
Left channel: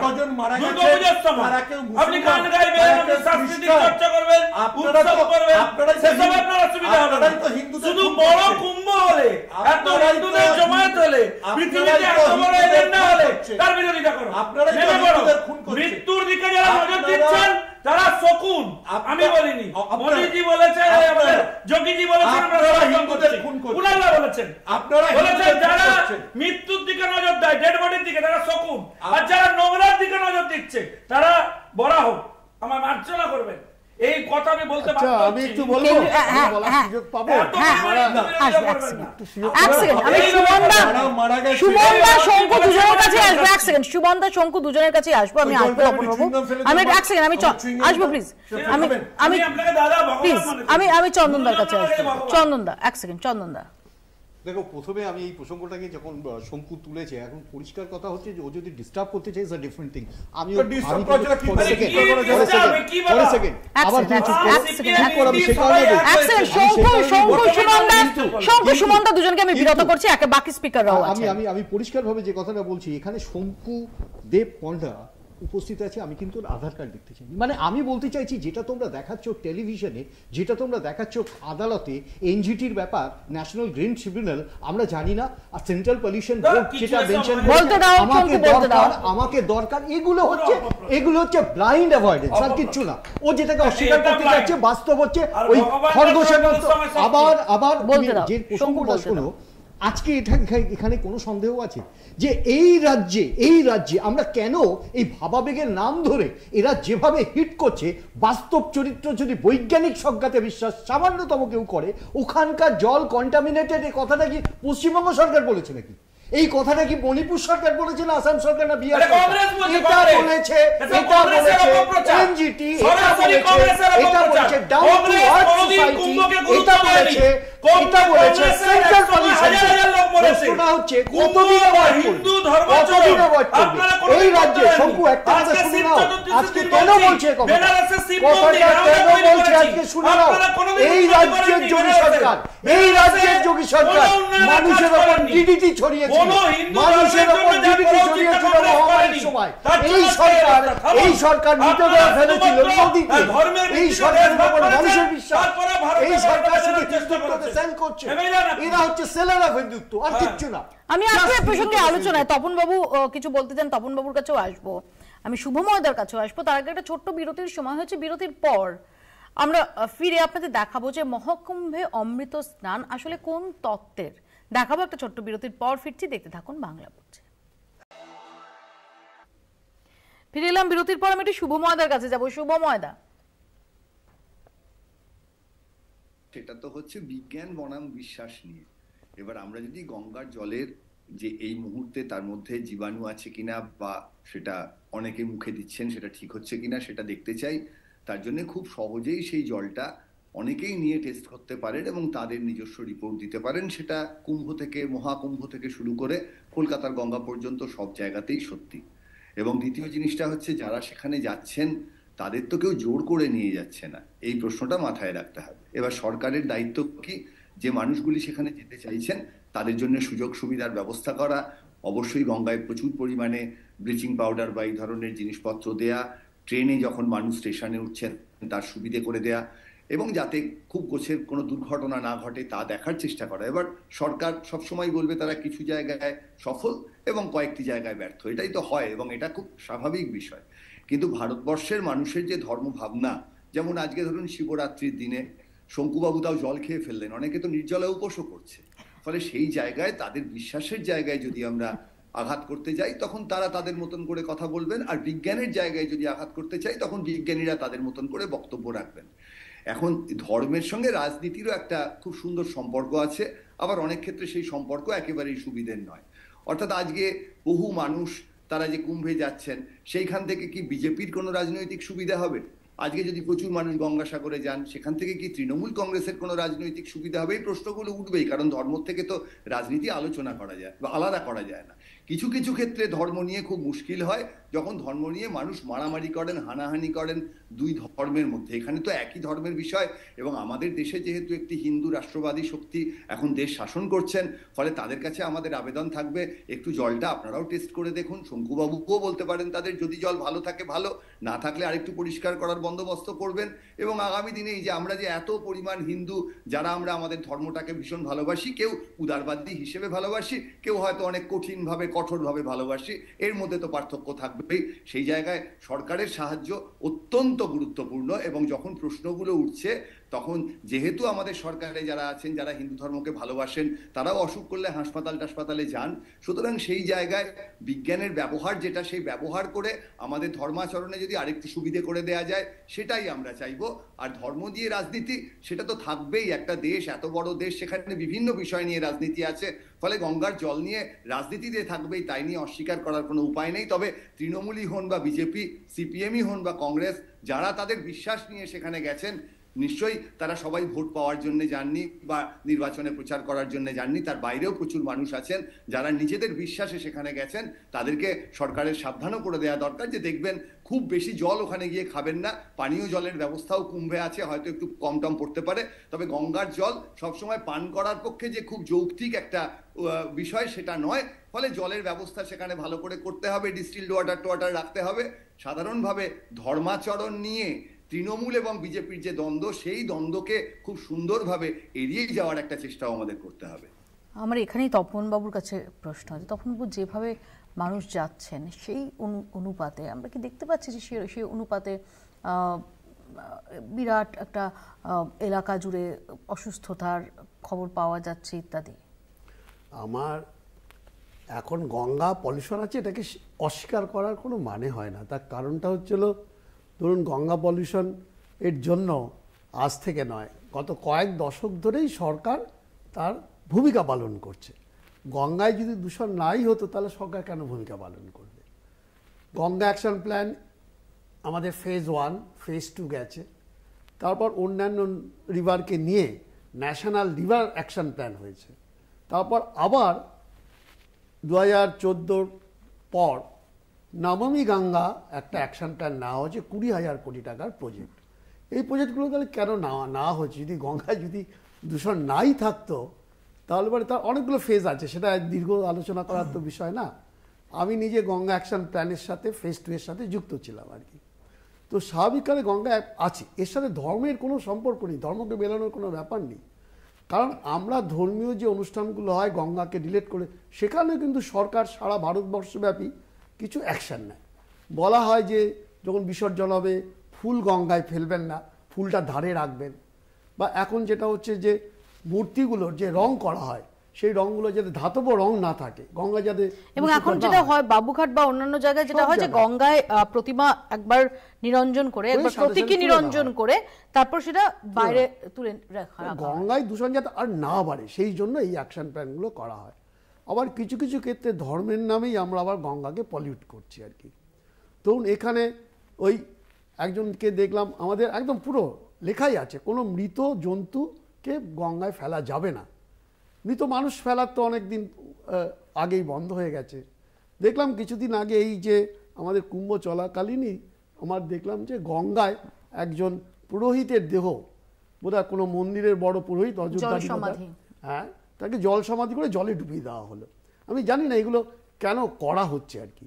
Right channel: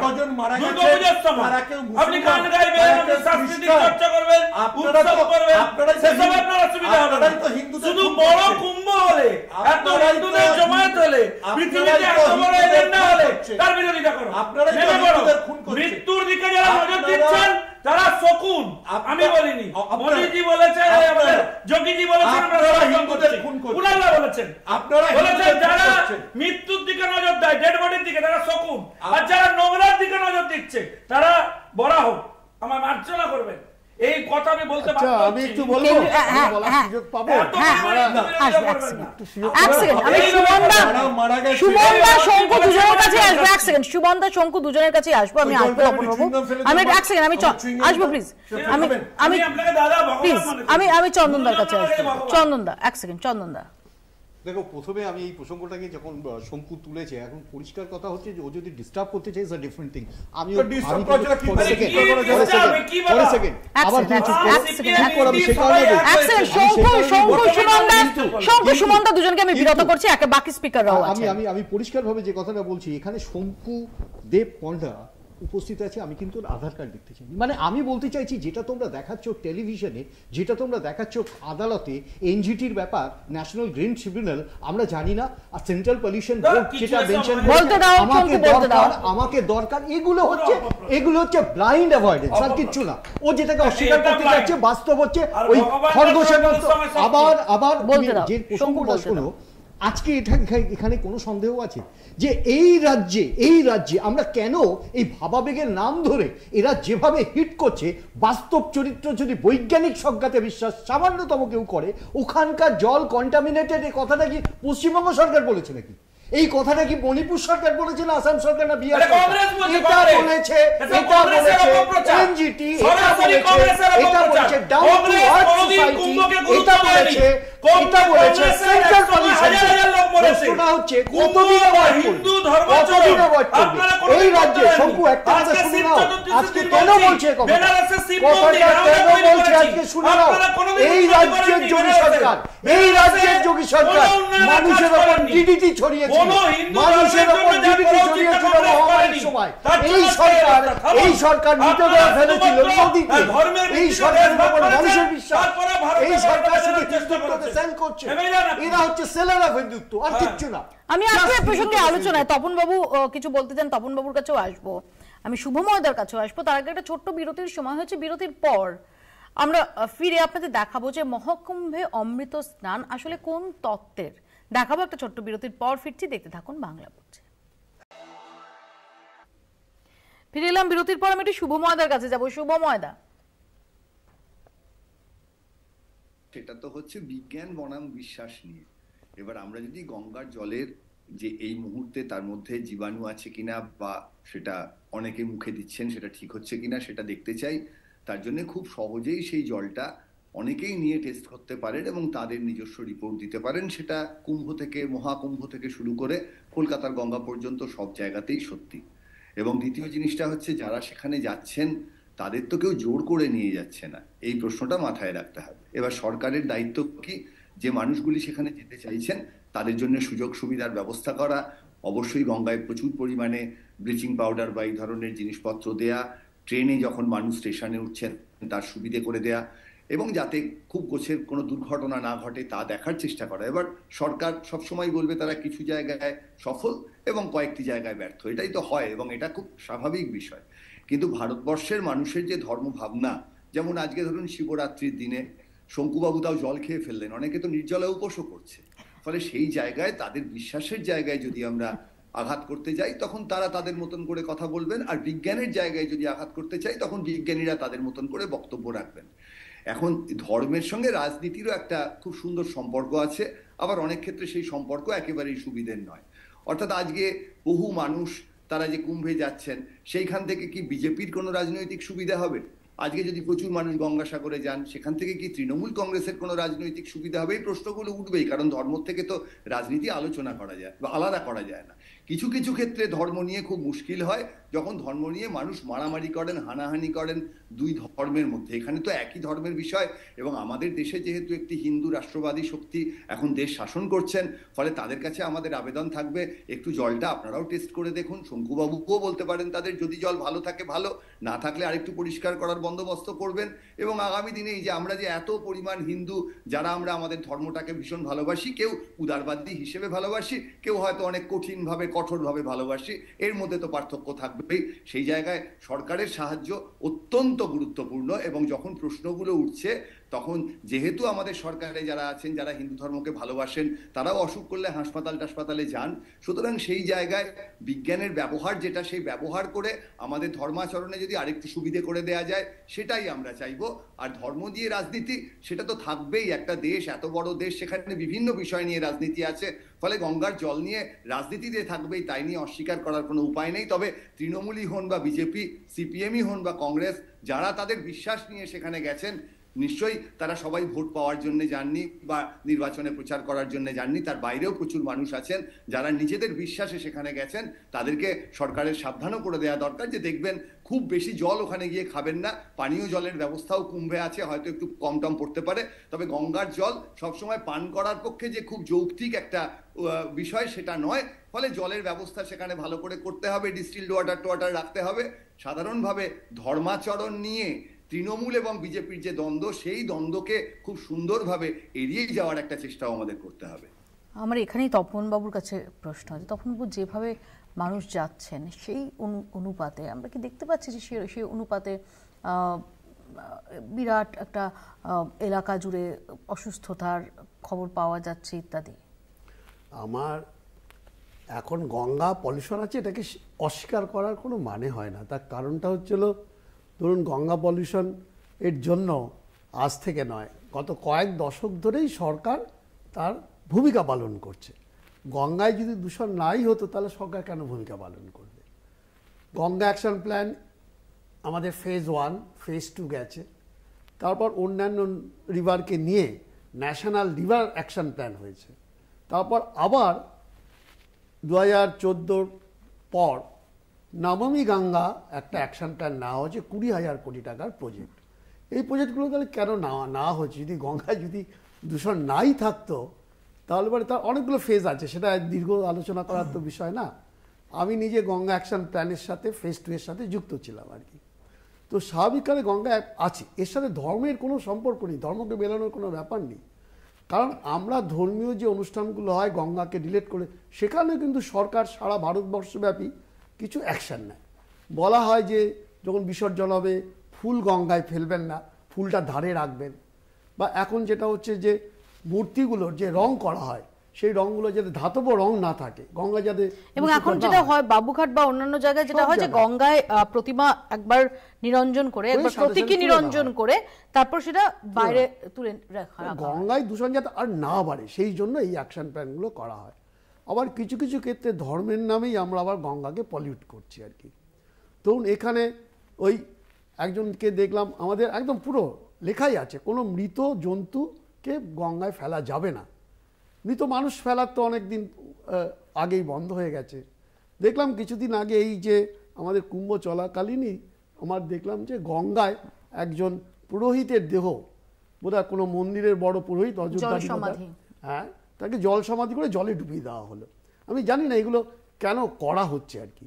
দুর্গাপূজার সময় আপনি গান গাইবেন, আপনি সাংস্কৃতিক চর্চা করবেন, উৎসব করবেন, সেসব আপনার অসুবিধা হবে না। শুধু বড় কুম্ভ হলে, এত হিন্দুদের জমায়েত হলে, পৃথিবীতে এত বড় এজেন্ডা হলে তার বিরোধিতা করো। মৃত্যুর দিকে যারা নজর দিচ্ছেন তারা শকুন, আমি বলিনি। মোদীজি বলেছেন, যোগীজি বলেছেন, ওনারা বলেছেন, আপনারা বলেছেন যারা মৃত্যুর দিকে নজর দেয়, ডেড বডির দিকে, তারা শকুন। আর যারা নোংরার দিকে নজর দিচ্ছে তারা বরাহ। আমার মার্জনা করবেন। এই কথা আমি বলতে পারবো। আমি একটু বলবো, সুযোগ পাবো। সুমনদা শঙ্কু দুজনের কাছে আসবো। এক সেকেন্ড, সুমনদা শঙ্কু দুজনের কাছে আসবো। আমি আসবো, আমি এক সেকেন্ড, আমি আসবো প্লিজ। আমি চন্দনদার কাছে আসবো। চন্দনদা, এক সেকেন্ড, চন্দনদা। দেখো, প্রথমে আমি এই প্রসঙ্গটাকে যখন শঙ্কু তুলেছে, এখন পরিষ্কার কথা হচ্ছে যে ও যদি ডিস্টার্ব করতে চাই, ডিফারেন্ট থিং। আমি আবার সুমনদা দুজনকে আমি বিরত করছি, বাকি স্পিকাররাও আছে। আমি পরিষ্কারভাবে যে কথাটা বলছি, এখানে শঙ্কু দেব পণ্ডা উপস্থিত আছে, আমি কিন্তু আধার কার্ড দেখতে চাই। মানে আমি বলতে চাইছি, যেটা তোমরা দেখাচ্ছ টেলিভিশনে, যেটা তোমরা দেখাচ্ছ আদালতে, এনজিটির ব্যাপার, ন্যাশনাল গ্রিন ট্রিবিউনাল, আমরা জানি না, আর সেন্ট্রাল পলিউশন বোর্ড যেটা মেনশন আমাকে দরকার, এগুলো হচ্ছে ব্লাইন্ড অ্যাভয়েডেন্স, আর কিচ্ছু না। ও যেটাকে অস্বীকার করতে যাচ্ছে বাস্তব হচ্ছে ওই খরগোশের মতো। আবার যে প্রসঙ্গটা শোনো, আজকে এখানে কোনো সন্দেহ আছে যে এই রাজ্যে আমরা কেন এই ভাবাবেগের নাম ধরে এরা যেভাবে হিট করছে, বাস্তব চরিত্র যদি বৈজ্ঞানিক সংজ্ঞাতে বিশ্বাস সামান্যতম কেউ করে, ওখানকার জল কন্টামিনেটেড, এই কথাটা কি পশ্চিমবঙ্গ সরকার বলেছে নাকি? এই কথাটা কি মণিপুর সরকার বলেছে না আসাম সরকার না বিহার সরকার? এটা বলেছে এনজিটি, এটা বলেছে ডাউন টু আর্থ সোসাইটি, এটা বলেছে সেন্ট্রাল পলিউশন। প্রশ্নটা হচ্ছে কতদিন অ্যাভয়েড করবে এই রাজ্যে? শঙ্কু, একটা কথা শুনে নাও, আজকে কেন বলছে কথাটা কেন বলছে আজকে শুনে নাও। এই রাজ্যের যোগী সরকার মানুষের ওপর ডিডিটি ছড়িয়েছিল, মানুষের ওপর ডিডিটি ছড়িয়েছিল মহামারীর সময়। এই সরকার মৃতদেহ ফেলেছিল নদীতে। এই সরকারের উপর মানুষের বিশ্বাস, এই সরকার শুধু হিন্দুত্বকে সেল করছে। এরা হচ্ছে সেলার অফ হিন্দুত্ব, আর কিচ্ছু না। আমি আজকে এই প্রসঙ্গে আলোচনায় তপন বাবু কিছু বলতে চান, তপন বাবুর কাছেও আসবো, আমি শুভময়দার কাছেও আসবো। তার আগে একটা ছোট্ট বিরতির সময় হচ্ছে, বিরতির পর আমরা ফিরে আপনাদের দেখাবো যে মহাকুম্ভে অমৃত স্নান আসলে কোন তত্ত্বের, দেখাবো একটা ছোট্ট বিরতির পর। ফিরছি, দেখতে থাকুন বাংলা বলছে। ফিরে এলাম বিরতির পর। আমি একটু শুভময়দার কাছে যাবো। শুভময়দা, সেটা তো হচ্ছে বিজ্ঞান বনাম বিশ্বাস নিয়ে। এবার আমরা যদি গঙ্গার জলের যে এই মুহূর্তে তার মধ্যে জীবাণু আছে কিনা, বা সেটা অনেকে মুখে দিচ্ছেন সেটা ঠিক হচ্ছে কিনা সেটা দেখতে চাই, তার জন্য খুব সহজেই সেই জলটা অনেকেই নিয়ে টেস্ট করতে পারেন এবং তাদের নিজস্ব রিপোর্ট দিতে পারেন। সেটা কুম্ভ থেকে, মহাকুম্ভ থেকে শুরু করে কলকাতার গঙ্গা পর্যন্ত সব জায়গাতেই সত্যি। এবং দ্বিতীয় জিনিসটা হচ্ছে, যারা সেখানে যাচ্ছেন তাদের তো কেউ জোর করে নিয়ে যাচ্ছে না, এই প্রশ্নটা মাথায় রাখতে হবে। এবার সরকারের দায়িত্ব কি, যে মানুষগুলি সেখানে যেতে চাইছেন তাদের জন্য সুযোগ সুবিধার ব্যবস্থা করা, অবশ্যই গঙ্গায় প্রচুর পরিমাণে ব্লিচিং পাউডার বা এই ধরনের জিনিসপত্র দেয়া, ট্রেনে যখন মানুষ স্টেশনে উঠছেন তার সুবিধে করে দেয়া, এবং যাতে খুব গোছের কোনো দুর্ঘটনা না ঘটে তা দেখার চেষ্টা করা। এবার সরকার সবসময় বলবে তারা কিছু জায়গায় সফল এবং কয়েকটি জায়গায় ব্যর্থ, এটাই তো হয় এবং এটা খুব স্বাভাবিক বিষয়। কিন্তু ভারতবর্ষের মানুষের যে ধর্ম ভাবনা, যেমন আজকে ধরুন শিবরাত্রির দিনে শঙ্কুবাবু তাও জল খেয়ে ফেললেন, অনেকে তো নির্জলা উপোসও করছে, ফলে সেই জায়গায় তাদের বিশ্বাসের জায়গায় যদি আমরা আঘাত করতে যাই তখন তারা তাদের মতন করে কথা বলবেন, আর বিজ্ঞানের জায়গায় যদি আঘাত করতে চাই তখন বিজ্ঞানীরা তাদের মতন করে বক্তব্য রাখবেন। এখন ধর্মের সঙ্গে রাজনীতিরও একটা খুব সুন্দর সম্পর্ক আছে, আবার অনেক ক্ষেত্রে সেই সম্পর্ক একেবারেই সুবিধের নয়। অর্থাৎ আজকে বহু মানুষ তারা যে কুম্ভে যাচ্ছেন সেইখান থেকে কি বিজেপির কোনো রাজনৈতিক সুবিধা হবে? আজকে যদি প্রচুর মানুষ গঙ্গাসাগরে যান সেখান থেকে কি তৃণমূল কংগ্রেসের কোনো রাজনৈতিক সুবিধা হবে? এই প্রশ্নগুলো উঠবেই, কারণ ধর্ম থেকে তো রাজনীতি আলোচনা করা যায় বা আলাদা করা যায় না। কিছু কিছু ক্ষেত্রে ধর্ম নিয়ে খুব মুশকিল হয়, যখন ধর্ম নিয়ে মানুষ মারামারি করেন, হানাহানি করেন দুই ধর্মের মধ্যে। এখানে তো একই ধর্মের বিষয়, এবং আমাদের দেশে যেহেতু একটি হিন্দু রাষ্ট্রবাদী শক্তি এখন দেশ শাসন করছেন, ফলে তাদের কাছে আমাদের আবেদন থাকবে একটু জলটা আপনারাও টেস্ট করে দেখুন। শঙ্কুবাবুও বলতে পারেন তাদের, যদি জল ভালো থাকে ভালো, না থাকলে আরেকটু পরিষ্কার করার বন্দোবস্ত করবেন। এবং আগামী দিনে এই যে আমরা যে এত পরিমাণ হিন্দু যারা আমরা আমাদের ধর্মটাকে ভীষণ ভালোবাসি, কেউ উদারবাদী হিসেবে ভালোবাসি, কেউ হয়তো অনেক কঠিনভাবে কঠোরভাবে ভালোবাসি, এর মধ্যে তো পার্থক্য থাকবেই। সেই জায়গায় সরকারের সাহায্য অত্যন্ত গুরুত্বপূর্ণ, এবং যখন প্রশ্নগুলো উঠছে তখন যেহেতু আমাদের সরকারে যারা আছেন যারা হিন্দু ধর্মকে ভালোবাসেন তারাও অসুখ করলে হাসপাতালে যান, সুতরাং সেই জায়গায় বিজ্ঞানের ব্যবহার যেটা, সেই ব্যবহার করে আমাদের ধর্মাচরণে যদি আরেকটু সুবিধে করে দেয়া যায় সেটাই আমরা চাইবো। আর ধর্ম দিয়ে রাজনীতি সেটা তো থাকবেই, একটা দেশ এত বড় দেশ, সেখানে বিভিন্ন বিষয় নিয়ে রাজনীতি আছে, ফলে গঙ্গার জল নিয়ে রাজনীতিতে থাকবেই, তাই নিয়ে অস্বীকার করার কোনো উপায় নেই। তবে তৃণমূলই হন বা বিজেপি, সিপিএমই হন বা কংগ্রেস, যারা তাদের বিশ্বাস নিয়ে সেখানে গেছেন, নিশ্চয়ই তারা সবাই ভোট পাওয়ার জন্য যাননি বা নির্বাচনে প্রচার করার জন্য যাননি, তার বাইরেও প্রচুর মানুষ আছেন যারা নিজেদের বিশ্বাসে সেখানে গেছেন। তাদেরকে সরকারের সাবধানও করে দেওয়া দরকার যে দেখবেন খুব বেশি জল ওখানে গিয়ে খাবেন না, পানীয় জলের ব্যবস্থাও কুম্ভে আছে, হয়তো একটু কম টম পড়তে পারে, তবে গঙ্গার জল সবসময় পান করার পক্ষে যে খুব যৌক্তিক একটা বিষয় সেটা নয়। ফলে জলের ব্যবস্থা সেখানে ভালো করে করতে হবে, ডিস্টিলড ওয়াটার রাখতে হবে। সাধারণভাবে ধর্মাচরণ নিয়ে তৃণমূল এবং বিজেপির যে দ্বন্দ্ব, সেই দ্বন্দ্বকে খুব সুন্দরভাবে এড়িয়ে যাওয়ার একটা চেষ্টাও আমাদের করতে হবে। আমার এখানেই তপনবাবুর কাছে প্রশ্ন আছে। তপনবাবু, যেভাবে মানুষ যাচ্ছেন সেই অনুপাতে আমরা কি দেখতে পাচ্ছি যে সেই অনুপাতে বিরাট একটা এলাকা জুড়ে অসুস্থতার খবর পাওয়া যাচ্ছে ইত্যাদি? আমার এখন গঙ্গা পলিউশন আছে, এটাকে অস্বীকার করার কোনো মানে হয় না। তার কারণটা হচ্ছিল, ধরুন গঙ্গা পলিউশন এর জন্য আজ থেকে নয়, গত কয়েক দশক ধরেই সরকার তার ভূমিকা পালন করছে। গঙ্গায় যদি দূষণ নাই হতো তাহলে সরকার কেন ভূমিকা পালন করবে? গঙ্গা অ্যাকশন প্ল্যান আমাদের ফেজ 1, ফেজ 2 গেছে, তারপর অন্যান্য রিভারকে নিয়ে ন্যাশনাল রিভার অ্যাকশন প্ল্যান হয়েছে, তারপর আবার 2014 পর নমামি গঙ্গা একটা অ্যাকশন প্ল্যান নেওয়া হয়েছে, 20,000 কোটি টাকার প্রজেক্ট। এই প্রজেক্টগুলো তাহলে কেন না হচ্ছে? যদি গঙ্গায় যদি দূষণ নাই থাকতো তাহলে পরে তার অনেকগুলো ফেজ আছে, সেটা দীর্ঘ আলোচনা করার তো বিষয় না। আমি নিজে গঙ্গা অ্যাকশন প্ল্যানের সাথে ফেজ 2 এর সাথে যুক্ত ছিলাম আর কি। তো স্বাভাবিকভাবে গঙ্গা আছে, এর সাথে ধর্মের কোনো সম্পর্ক নেই, ধর্মকে মেলানোর কোনো ব্যাপার নেই। কারণ আমরা ধর্মীয় যে অনুষ্ঠানগুলো হয় গঙ্গাকে রিলেট করে, সেখানে কিন্তু সরকার সারা ভারতবর্ষব্যাপী কিছু অ্যাকশন নেয়। বলা হয় যে যখন বিসর্জন হবে ফুল গঙ্গায় ফেলবেন না, ফুলটা ধারে রাখবেন। বা এখন যেটা হচ্ছে যে মূর্তিগুলোর যে রং করা হয় সেই রংগুলো যাতে ধাতব রং না থাকে, গঙ্গা যাতে। এবং এখন যেটা হয় বাবুঘাট বা অন্যান্য জায়গায় যেটা হয় যে গঙ্গায় প্রতিমা একবার নিরঞ্জন করে, একবার প্রতীকী নিরঞ্জন করে তারপর সেটা বাইরে তুলে রাখা, গঙ্গায় দূষণ যাতে আর না বাড়ে সেই জন্য এই অ্যাকশন প্ল্যানগুলো করা হয়। আবার কিছু কিছু ক্ষেত্রে ধর্মের নামেই আমরা আবার গঙ্গাকে পলিউট করছি আর কি। তো এখানে ওই একজনকে দেখলাম, আমাদের একদম পুরো লেখাই আছে কোনো মৃত জন্তুকে গঙ্গায় ফেলা যাবে না। মৃত মানুষ ফেলার তো অনেকদিন আগেই বন্ধ হয়ে গেছে। দেখলাম কিছুদিন আগে এই যে আমাদের কুম্ভ চলাকালীনই আমার দেখলাম যে গঙ্গায় একজন পুরোহিতের দেহ, বোধহয় কোনো মন্দিরের বড় পুরোহিত, অযোধ্যা, হ্যাঁ, তাকে জল সমাধি করে জলে ডুবিয়ে দেওয়া হলো। আমি জানি না এগুলো কেন করা হচ্ছে আর কি,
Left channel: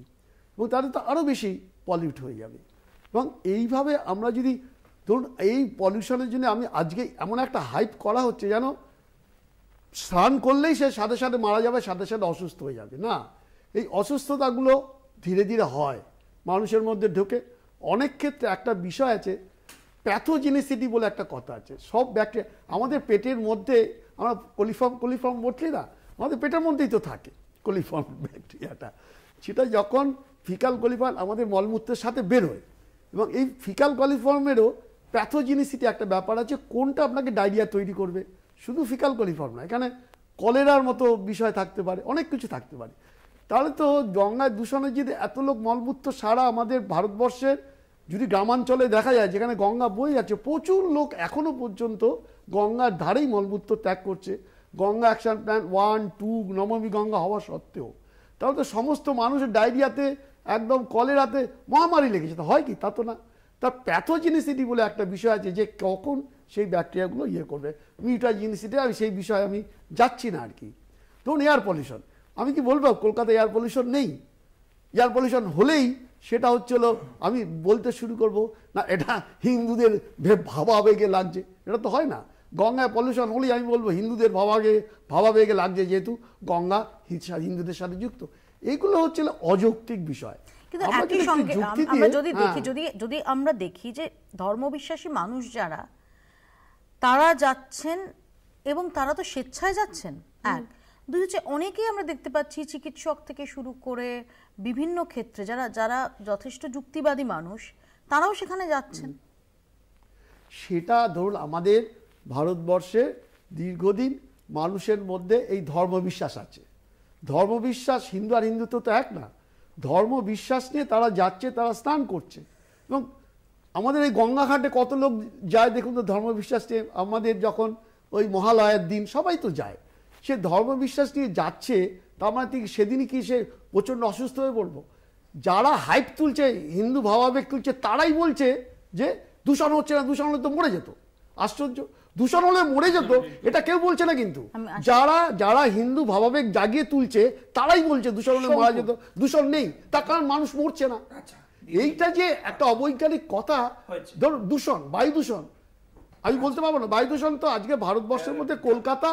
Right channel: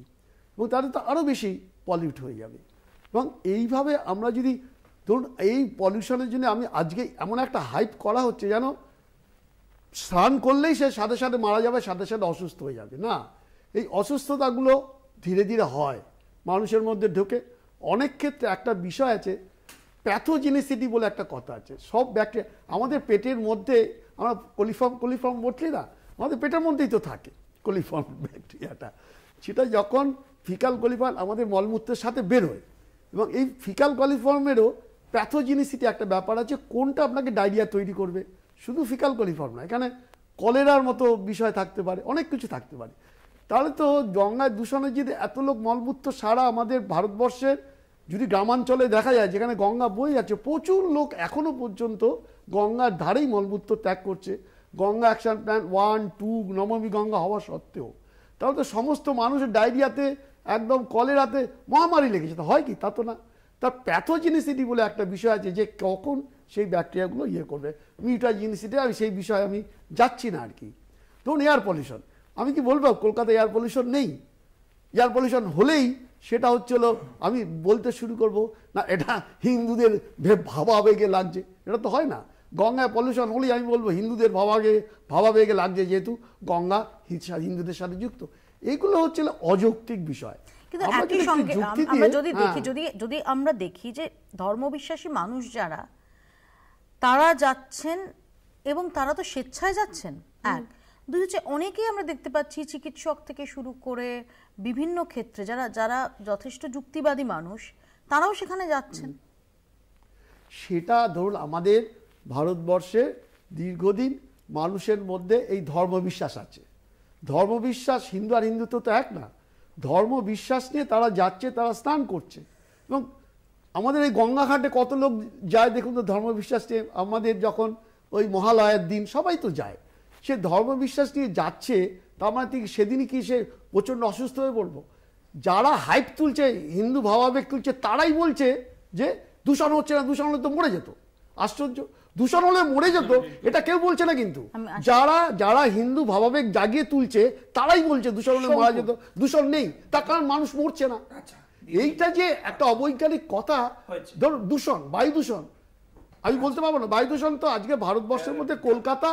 এবং তাহলে তো আরও বেশি পলিউট হয়ে যাবে। এবং এইভাবে আমরা যদি ধরুন এই পলিউশনের জন্য আমি আজকে এমন একটা হাইপ করা হচ্ছে যেন স্নান করলেই সে সাথে সাথে মারা যাবে, সাথে সাথে অসুস্থ হয়ে যাবে। না, এই অসুস্থতাগুলো ধীরে ধীরে হয় মানুষের মধ্যে ঢোকে। অনেক ক্ষেত্রে একটা বিষয় আছে, প্যাথোজেনিসিটি বলে একটা কথা আছে। সব ব্যাকটেরিয়া আমাদের পেটের মধ্যে, আমরা কোলিফর্ম বলছি না, আমাদের পেটের মধ্যেই তো থাকে কোলিফর্ম ব্যাকটেরিয়াটা। সেটা যখন ফিকাল কোলিফর্ম আমাদের মলমূত্রের সাথে বেরোয়, এবং এই ফিকাল কোলিফর্মেরও প্যাথোজেনিসিটি একটা ব্যাপার আছে, কোনটা আপনাকে ডায়রিয়া তৈরি করবে। শুধু ফিকাল কোলিফর্ম না, এখানে কলেরার মতো বিষয় থাকতে পারে, অনেক কিছু থাকতে পারে। তাহলে তো গঙ্গায় দূষণের যদি এত লোক মলমূত্র সারা আমাদের ভারতবর্ষের যদি গ্রামাঞ্চলে দেখা যায় যেখানে গঙ্গা বয়ে যাচ্ছে, প্রচুর লোক এখনো পর্যন্ত গঙ্গার ধারেই মলমূত্র ত্যাগ করছে, গঙ্গা অ্যাকশন প্ল্যান 1, 2 নমামি গঙ্গা হওয়া সত্ত্বেও। তাহলে তো সমস্ত মানুষের ডায়রিয়াতে, একদম কলেরাতে মহামারী লেগেছে। তো হয় কি? তা তো না। তার প্যাথোজেনিসিটি বলে একটা বিষয় আছে, যে কখন সেই ব্যাকটেরিয়াগুলো করবে। মিউটাজেনিসিটি, আমি সেই বিষয়ে আমি যাচ্ছি না আর কি। ধরুন এয়ার পলিউশন, আমি কি বলবো কলকাতায় এয়ার পলিউশন নেই? এয়ার পলিউশন হলেই সেটা হচ্ছিল, আমি বলতে শুরু করব না এটা হিন্দুদের ভাবাবেগে লাগছে, এটা তো হয় না। গঙ্গায় পলিউশন হলেই আমি বলবো হিন্দুদের ভাবাবেগে লাগছে, যেহেতু গঙ্গা হিন্দুদের সাথে যুক্ত। এইগুলো হচ্ছিল অযৌক্তিক বিষয়। কিন্তু একই সঙ্গে আমরা যদি আমরা দেখি যে ধর্মবিশ্বাসী মানুষ যারা, তারা যাচ্ছেন এবং তারা তো স্বেচ্ছায় যাচ্ছেন। এক দুই হচ্ছে অনেকেই আমরা দেখতে পাচ্ছি চিকিৎসক থেকে শুরু করে বিভিন্ন ক্ষেত্রে যারা যথেষ্ট যুক্তিবাদী মানুষ, তারাও সেখানে যাচ্ছেন। সেটা ধরুন আমাদের ভারতবর্ষে দীর্ঘদিন মানুষের মধ্যে এই ধর্মবিশ্বাস আছে। ধর্মবিশ্বাস, হিন্দু আর হিন্দুত্ব তো এক না। ধর্মবিশ্বাস নিয়ে তারা যাচ্ছে, তারা স্নান করছে। এবং আমাদের এই গঙ্গাঘাটে কত লোক যায় দেখুন তো ধর্মবিশ্বাস নিয়ে। আমাদের যখন ওই মহালয়ের দিন সবাই তো যায়, সে ধর্মবিশ্বাস নিয়ে যাচ্ছে। তার মানে ঠিক সেদিনই কি সে প্রচণ্ড অসুস্থ হয়ে পড়বো? যারা হাইপ তুলছে, হিন্দু ভাবাবেগ তুলছে, তারাই বলছে যে দূষণ হচ্ছে না, দূষণ হলে তো মরে যেত। আশ্চর্য, দূষণ হলে মরে যেত এটা কেউ বলছে না। কিন্তু যারা হিন্দু ভাবাবেগ জাগিয়ে তুলছে তারাই বলছে দূষণ হলে মারা যেত। দূষণ নেই, তার কারণ মানুষ মরছে না। এইটা যে একটা অবৈজ্ঞানিক কথা। ধরুন দূষণ, বায়ু দূষণ, আমি বলতে পারবো না। বায়ু দূষণ তো আজকে ভারতবর্ষের মধ্যে কলকাতা,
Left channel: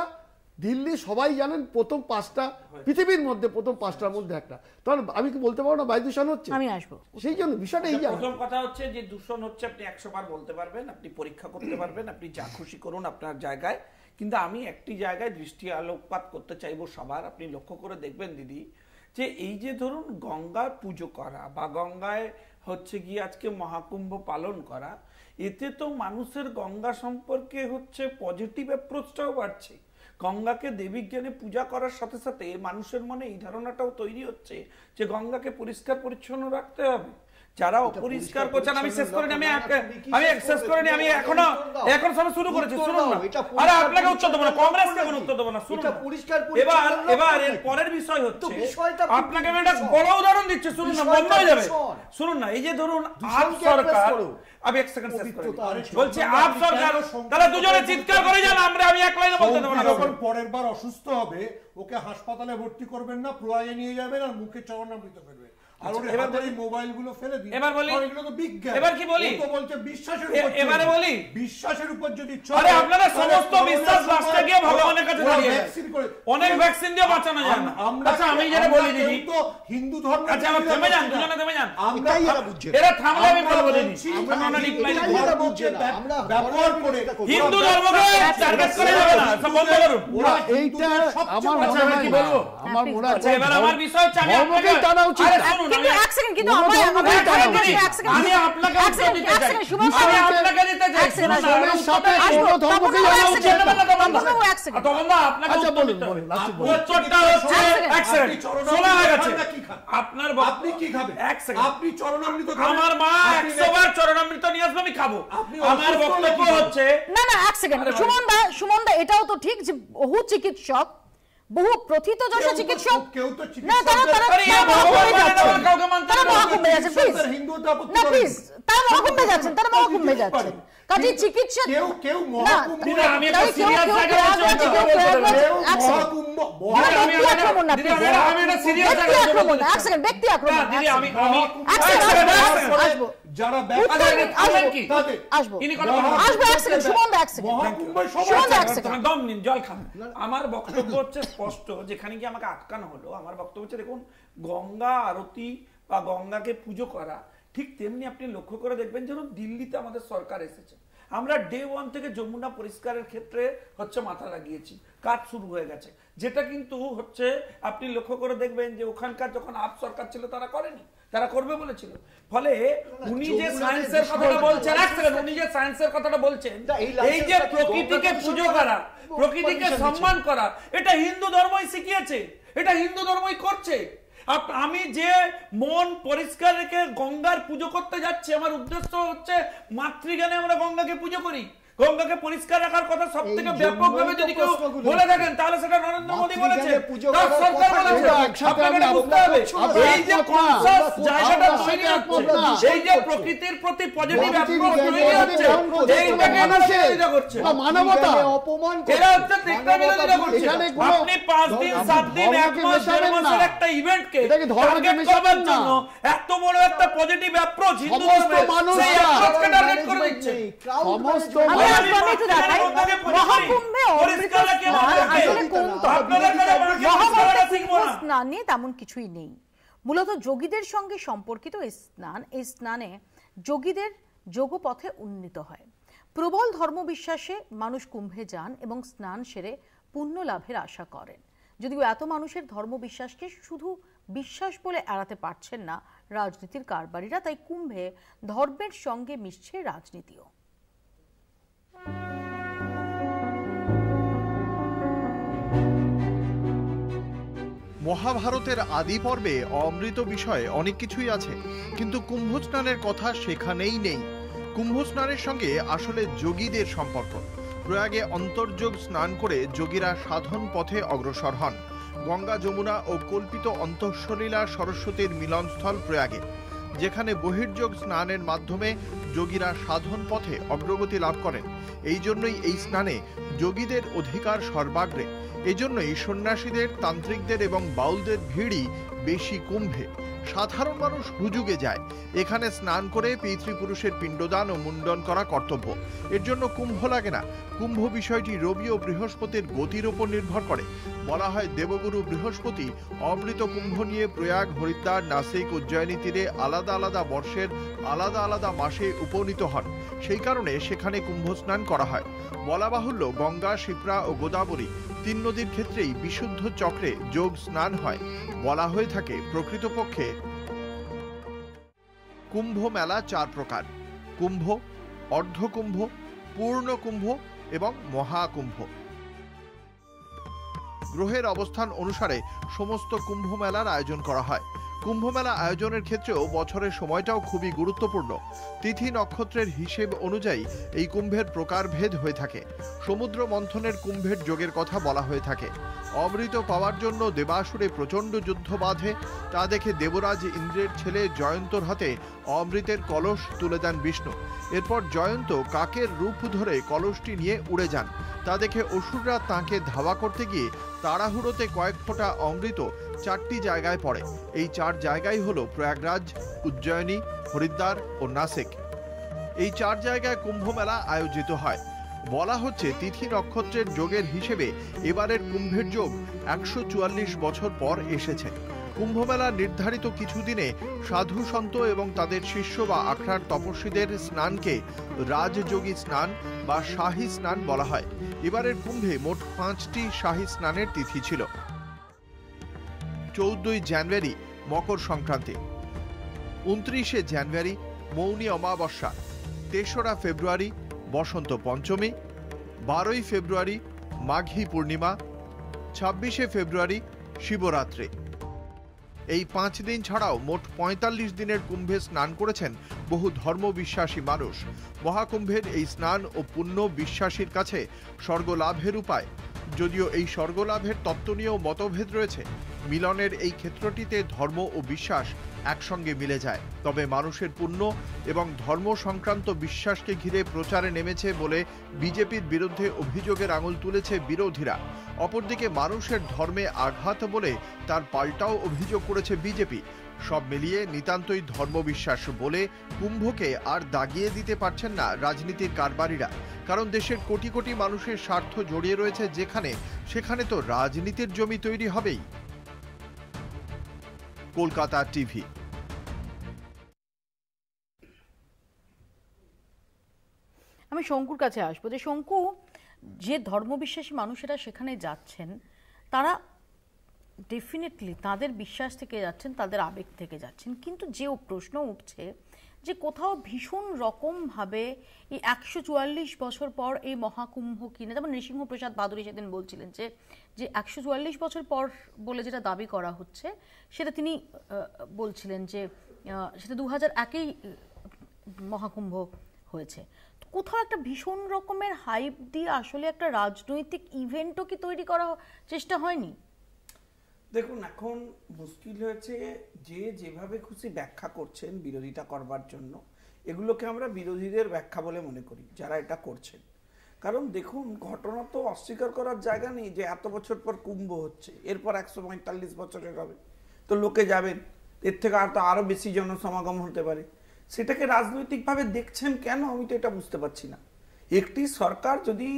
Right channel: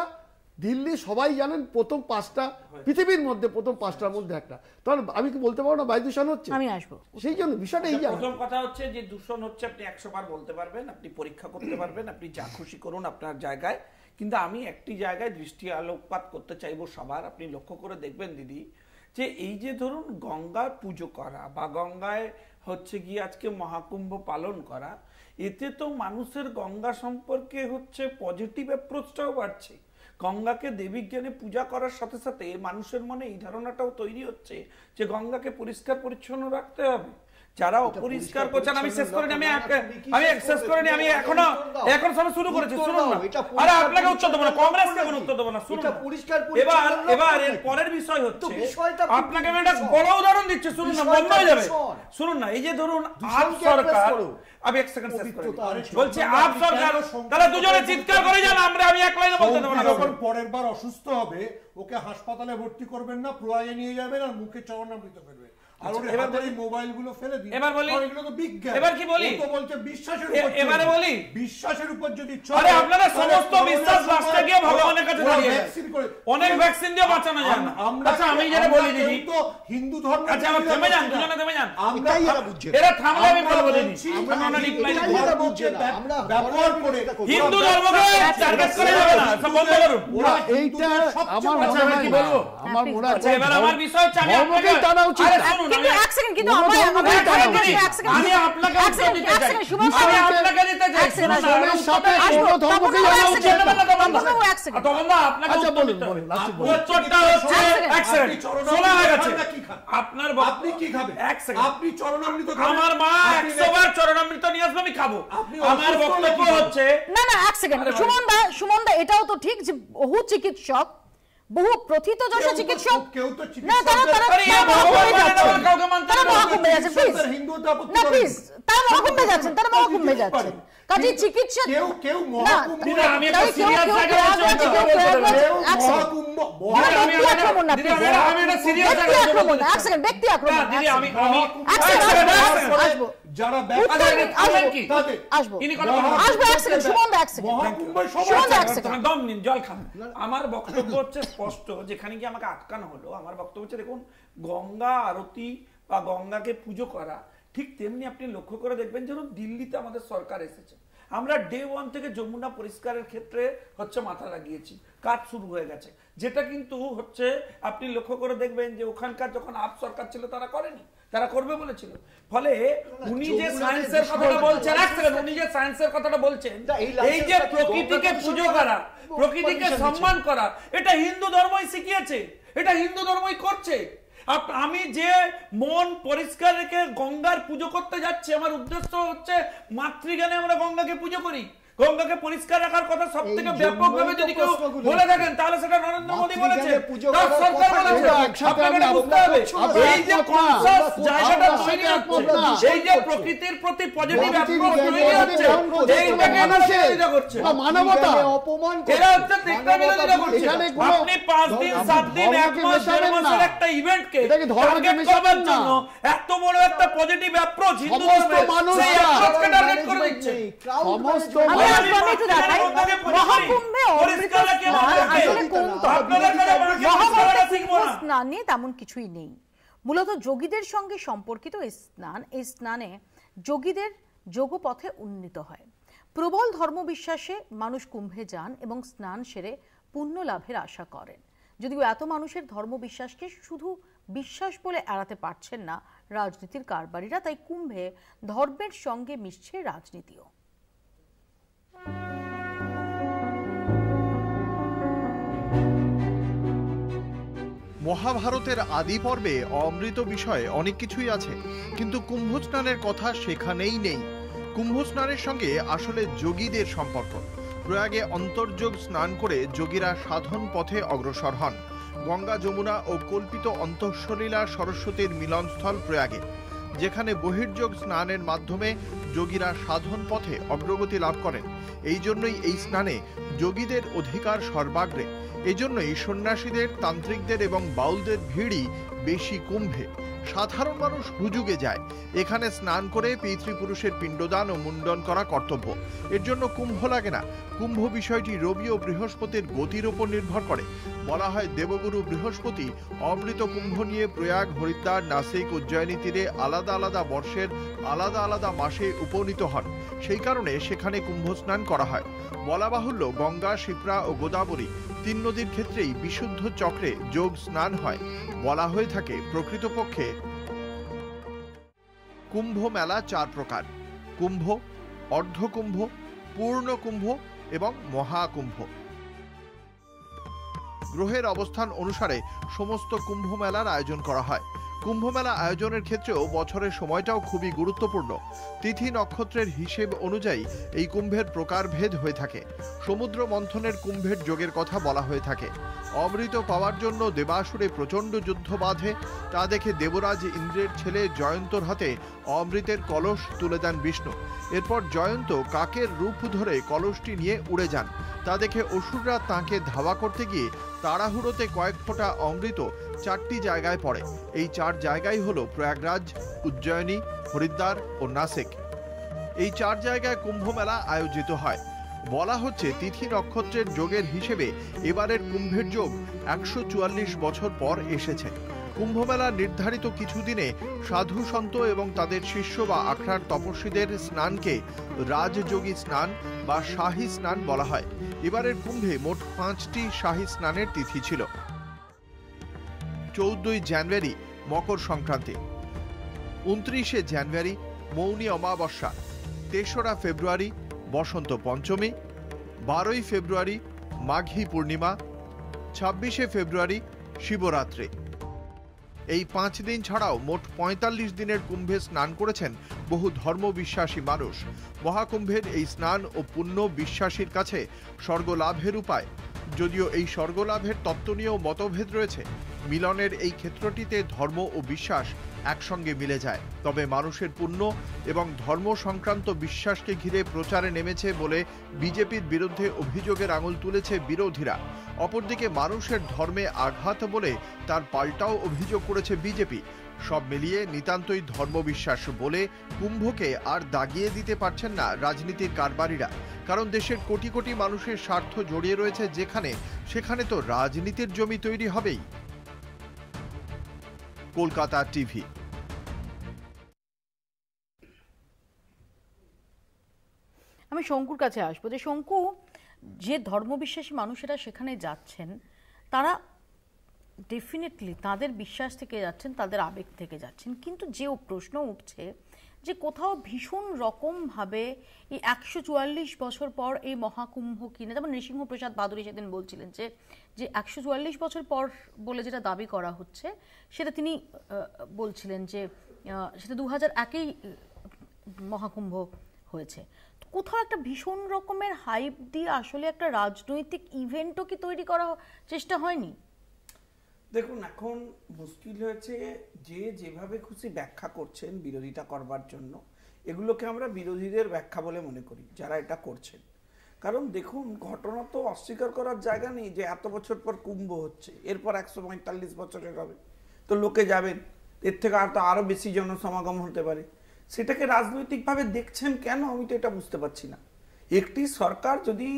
দিল্লি সবাই জানেন প্রথম 5টা, পৃথিবীর মধ্যে প্রথম 5টার মধ্যে একটা। তাহলে আমি কি বলতে পারবো না বায়ু দূষণ হচ্ছে? আমি আসবো সেই জন্য বিষয়টা এই। প্রথম কথা হচ্ছে যে দূষণ হচ্ছে আপনি 100 বার বলতে পারবেন, আপনি পরীক্ষা করতে পারবেন, আপনি যা খুশি করুন আপনার জায়গায়। কিন্তু আমি একটি জায়গায় দৃষ্টি আলোকপাত করতে চাইবো সবার। আপনি লক্ষ্য করে দেখবেন দিদি, যে এই যে ধরুন গঙ্গার পুজো করা বা গঙ্গায় হচ্ছে গিয়ে আজকে মহাকুম্ভ পালন করা, এতে তো মানুষের গঙ্গা সম্পর্কে হচ্ছে পজিটিভ অ্যাপ্রোচটাও বাড়ছে। গঙ্গাকে দেবী জ্ঞানে পূজা করার সাথে সাথে মানুষের মনে এই ধারণাটাও তৈরি হচ্ছে যে গঙ্গাকে পরিষ্কার পরিচ্ছন্ন রাখতে হবে। যারা অপরিষ্কার করছেন, আমি শেষ করিনি, আমি এখন সব শুরু করেছি, শুনুন না। আরে আপনাকে উত্তর দেবো না, কংগ্রেসকে কোনো উত্তর দেবো না, শুনুন। এবার এর পরের বিষয় হচ্ছে, আপনাকে আমি একটা বড় উদাহরণ দিচ্ছি, শুনুন না, বন্ধ হয়ে যাবে। শুনুন না, এই যে ধরুন আপ সরকার, আমি 1 সেকেন্ড শেষ করি, বলছি আপ সরকার, তারা দুজনে চিৎকার করে যান, আমি এক লাইনে বলতে দেবো না। যখন পরের বার অসুস্থ হবে ওকে হাসপাতালে ভর্তি করবেন না, প্রয়াগে নিয়ে যাবেন আর মুখে চরণামৃত ফেলবেন। বিশ্বাসের উপর যদি আপনারা সমস্ত বিশ্বাস রাষ্ট্রে গিয়ে ভগবানের কাছে অনেক ভ্যাকসিন দিয়ে বাঁচানো যায় না। আমি যেটা বলি দিদি, হিন্দু ধর্ম, থেমে যান, দুজনে থেমে যান, এরা থামলে আমি বলবো দিদি, ব্যবহার করে হিন্দু ধর্মকে টার্গেট করে যাবে না, সব বন্ধ করুন। এইটা আমার মনে হয় এবার আমার বিষয় হচ্ছে, আমি আপনাকে টানা উচিত। কিন্তু আমি আপনাকে দিতে চাইছি, আপনার আপনি কি খাবেন? আপনি চরণামৃত, আমার মা 100 বার চরণামৃত নিয়ে আসবে, আমি খাবো। আমার বক্তব্য হচ্ছে, না 1 সেকেন্ড, সুমন দা এটাও তো ঠিক যে বহু চিকিৎসক, বহু প্রথিত যশা চিকিৎসক, কেউ তো তারা মহাকুম্ভে যাচ্ছেন, তারা মহাকুম্ভে যাচ্ছেন। কাজে চিকিৎসা কেউ মহাকুম্ভে ব্যক্তি আক্রমণ যারা জল খান। আমার বক্তব্য হচ্ছে স্পষ্ট, যেখানে কি আমাকে আটকানো হলো, আমার বক্তব্য হচ্ছে দেখুন, গঙ্গা আরতি বা গঙ্গাকে পুজো করা ঠিক তেমনি আপনি লক্ষ্য করে দেখবেন যেন দিল্লিতে আমাদের সরকার এসেছে, আমরা ডে 1 থেকে যমুনা পরিষ্কারের ক্ষেত্রে হচ্ছে মাথা লাগিয়েছি, কাজ শুরু হয়ে গেছে, যেটা কিন্তু হচ্ছে আপনি লক্ষ্য করে দেখবেন যে ওখানকার যখন আপ সরকার ছিল তারা করেনি, তারা করবে বলেছিল। ফলে উনি যে সায়েন্সের কথাটা বলছেন, এই যে প্রকৃতিকে পুজো করা, প্রকৃতিকে সম্মান করা, এটা হিন্দু ধর্মই শিখিয়েছে, এটা হিন্দু ধর্মই করছে। আমি যে মন পরিষ্কার রেখে গঙ্গার পুজো করতে যাচ্ছি, আমার উদ্দেশ্য হচ্ছে মাতৃজ্ঞানে আমরা গঙ্গাকে পুজো করি, গঙ্গাকে পরিষ্কার রাখার কথা সব থেকে ব্যাপকভাবে যদি কেউ বলে থাকেন তাহলে সেটা নরেন্দ্র মোদী বলেছে, তার সরকার বলেছে। আপনাকে বুঝতে হবে এই যে কনসাস জায়গাটা তৈরি হচ্ছে, এই যে প্রকৃতির প্রতি পজিটিভ অ্যাপ্রোচ তৈরি হচ্ছে, এইটাকে বিরোধিতা করছে মানবতা, এরা হচ্ছে তীব্র বিরোধিতা করছে। আপনি 5 দিন 7 দিন 1 মাস 1.5 মাসের একটা ইভেন্টকে টার্গেট করবার জন্য এত বড় একটা পজিটিভ অ্যাপ্রোচ হিন্দু ধর্মের, সেই অ্যাপ্রোচকে টার্গেট করে দিচ্ছে সমস্ত স্নান নিয়ে তেমন কিছুই নেই, মূলত যোগীদের সঙ্গে সম্পর্কিত এই স্নানে যোগীদের যোগপথে উন্নীত হয়। প্রবল ধর্মবিশ্বাসে মানুষ কুম্ভে যান এবং স্নান সেরে পুণ্য লাভের আশা করেন। যদিও এত মানুষের ধর্মবিশ্বাসকে শুধু বিশ্বাস বলে এড়াতে পারছেন না রাজনীতির কারবারিরা, তাই কুম্ভে ধর্মের সঙ্গে মিশছে রাজনীতিও। মহাভারতের আদি পর্বে অমৃত বিষয়ে অনেক কিছুই আছে, কিন্তু কুম্ভ স্নানের কথা সেখানেই নেই। কুম্ভ স্নানের সঙ্গে আসলে যোগীদের সম্পর্ক। প্রয়াগে অন্তর্যোগ স্নান করে যোগীরা সাধন পথে অগ্রসর হন। গঙ্গা, যমুনা ও কল্পিত অন্তঃসলীলা সরস্বতীর মিলনস্থল প্রয়াগে, যেখানে বহির্যোগ স্নানের মাধ্যমে যোগীরা সাধন পথে অগ্রগতি লাভ করেন। এই জন্যই এই স্নানে যোগীদের অধিকার সর্বাগ্রে। এজন্যই সন্ন্যাসীদের, তান্ত্রিকদের এবং বাউলদের ভিড়ই বেশি কুম্ভে। সাধারণ মানুষ হুজুগে যায়। এখানে স্নান করে পিতৃপুরুষের পিণ্ডদান ও মুন্ডন করা কর্তব্য। এর জন্য কুম্ভ লাগে না। কুম্ভ বিষয়টি রবি ও বৃহস্পতির গতির উপর নির্ভর করে। বলা হয় দেবগুরু বৃহস্পতি অমৃত কুম্ভ নিয়ে প্রয়াগ, হরিদ্বার, নাসিক, উজ্জয়িনী তীরে আলাদা আলাদা বর্ষের আলাদা আলাদা মাসে উপনীত হন। সেই কারণে সেখানে কুম্ভ স্নান করা হয়। বলা বাহুল্য, গঙ্গা, শিপ্রা ও গোদাবরী 3 নদীর ক্ষেত্রেই বিশুদ্ধ চক্রে যোগ স্নান হয়। বলা হয়ে থাকে প্রকৃতপক্ষে কুম্ভ মেলা 4 প্রকার: কুম্ভ, অর্ধকুম্ভ, পূর্ণ কুম্ভ এবং মহাকুম্ভ। গ্রহের অবস্থান অনুসারে সমস্ত কুম্ভ মেলার আয়োজন করা হয়। কুম্ভ মেলা আয়োজনের ক্ষেত্রেও বছরের সময়টাও খুবই গুরুত্বপূর্ণ। তিথি নক্ষত্রের হিসেব অনুযায়ী এই কুম্ভের প্রকারভেদ হয়ে থাকে। সমুদ্র মন্থনের কুম্ভের যোগের কথা বলা হয়ে থাকে। অমৃত পাওয়ার জন্য দেবাসুরে প্রচণ্ড যুদ্ধ বাঁধে। তা দেখে দেবরাজ ইন্দ্রের ছেলে জয়ন্তর হাতে অমৃতের কলস তুলে দেন বিষ্ণু। এরপর জয়ন্ত কাকের রূপ ধরে কলসটি নিয়ে উড়ে যান। তা দেখে অসুররা তাঁকে ধাওয়া করতে গিয়ে তাড়াহুড়োতে কয়েক ফোঁটা অমৃত 4টি জায়গায় পড়ে। এই 4 জায়গায় হলো প্রয়াগরাজ, উজ্জয়িনী, হরিদ্বার ও নাসিক। এই 4 জায়গায় কুম্ভ মেলা আয়োজিত হয়। বলা হচ্ছে তিথি নক্ষত্রের যোগের হিসেবে এবারের কুম্ভের যোগ 144 বছর পর এসেছে। কুম্ভ মেলা নির্ধারিত কিছুদিনে সাধু সন্ত এবং তাদের শিষ্য বা আখড়ার তপস্বীদের স্নানকে রাজযোগী স্নান বা শাহী স্নান বলা হয়। এবারের কুম্ভে মোট 5টি শাহী স্নানের তিথি ছিল। 14 জানুয়ারি মকর সংক্রান্তি, 29 জানুয়ারি মৌনী অমাবস্যা, 3রা ফেব্রুয়ারি বসন্ত পঞ্চমী, 12 ফেব্রুয়ারি মাঘী পূর্ণিমা, 26 ফেব্রুয়ারি শিবরাত্রি। এই 5 দিন ছাড়াও মোট 45 দিনের কুম্ভে স্নান করেছেন বহু ধর্মবিশ্বাসী মানুষ। মহাকুম্ভের এই স্নান ও পুণ্য বিশ্বাসীর কাছে স্বর্গলাভের উপায়। যদিও এই স্বর্গলাভের তত্ত্ব নিয়েও মতভেদ রয়েছে। মিলনের এই ক্ষেত্রটিতে ধর্ম ও বিশ্বাস একসঙ্গে মিলে যায়। তবে মানুষের পুণ্য এবং ধর্ম সংক্রান্ত বিশ্বাসকে ঘিরে প্রচারে নেমেছে বলে বিজেপির বিরুদ্ধে অভিযোগের আঙুল তুলেছে বিরোধীরা। অপরদিকে মানুষের ধর্মে আঘাত বলে তার পাল্টাও অভিযোগ করেছে বিজেপি। সব মিলিয়ে নিতান্তই ধর্মবিশ্বাস বলে কুম্ভকে আর দাগিয়ে দিতে পারছেন না রাজনীতির কারবারিরা। কারণ দেশের কোটি কোটি মানুষের স্বার্থ জড়িয়ে রয়েছে যেখানে, সেখানে তো রাজনীতির জমি তৈরি হবেই। কলকাতা টিভি। আমি শঙ্কুর কাছে আসবো যে শঙ্কু, যে ধর্মবিশ্বাসী মানুষেরা সেখানে যাচ্ছেন তারা ডেফিনেটলি তাদের বিশ্বাস থেকে যাচ্ছেন, তাদের আবেগ থেকে যাচ্ছেন, কিন্তু যে প্রশ্ন উঠছে যে কোথাও ভীষণ রকমভাবে এই 144 বছর পর এই মহাকুম্ভ কিনে, যেমন নৃসিংহপ্রসাদ বাদুড়ি সেদিন বলছিলেন যে 144 বছর পর বলে যেটা দাবি করা হচ্ছে সেটা তিনি বলছিলেন যে সেটা 2001-এই মহাকুম্ভ হয়েছে। কোথাও একটা ভীষণ রকমের হাইপ দিয়ে আসলে একটা রাজনৈতিক ইভেন্টও কি তৈরি করার চেষ্টা হয়নি? দেখুন, এখন মুশকিল হয়েছে যে যেভাবে খুশি ব্যাখ্যা করছেন বিরোধিতা করবার জন্য, এগুলোকে আমরা বিরোধীদের ব্যাখ্যা বলে মনে করি যারা এটা করছেন। কারণ দেখুন, ঘটনা তো অস্বীকার করার জায়গা নেই যে এত বছর পর কুম্ভ হচ্ছে, এরপর 145 বছরের হবে, তো লোকে যাবেন, এর থেকে আরো বেশি জনসমাগম হতে পারে। সেটাকে রাজনৈতিকভাবে দেখছেন কেন, আমি তো এটা বুঝতে পারছি না। একটি সরকার যদি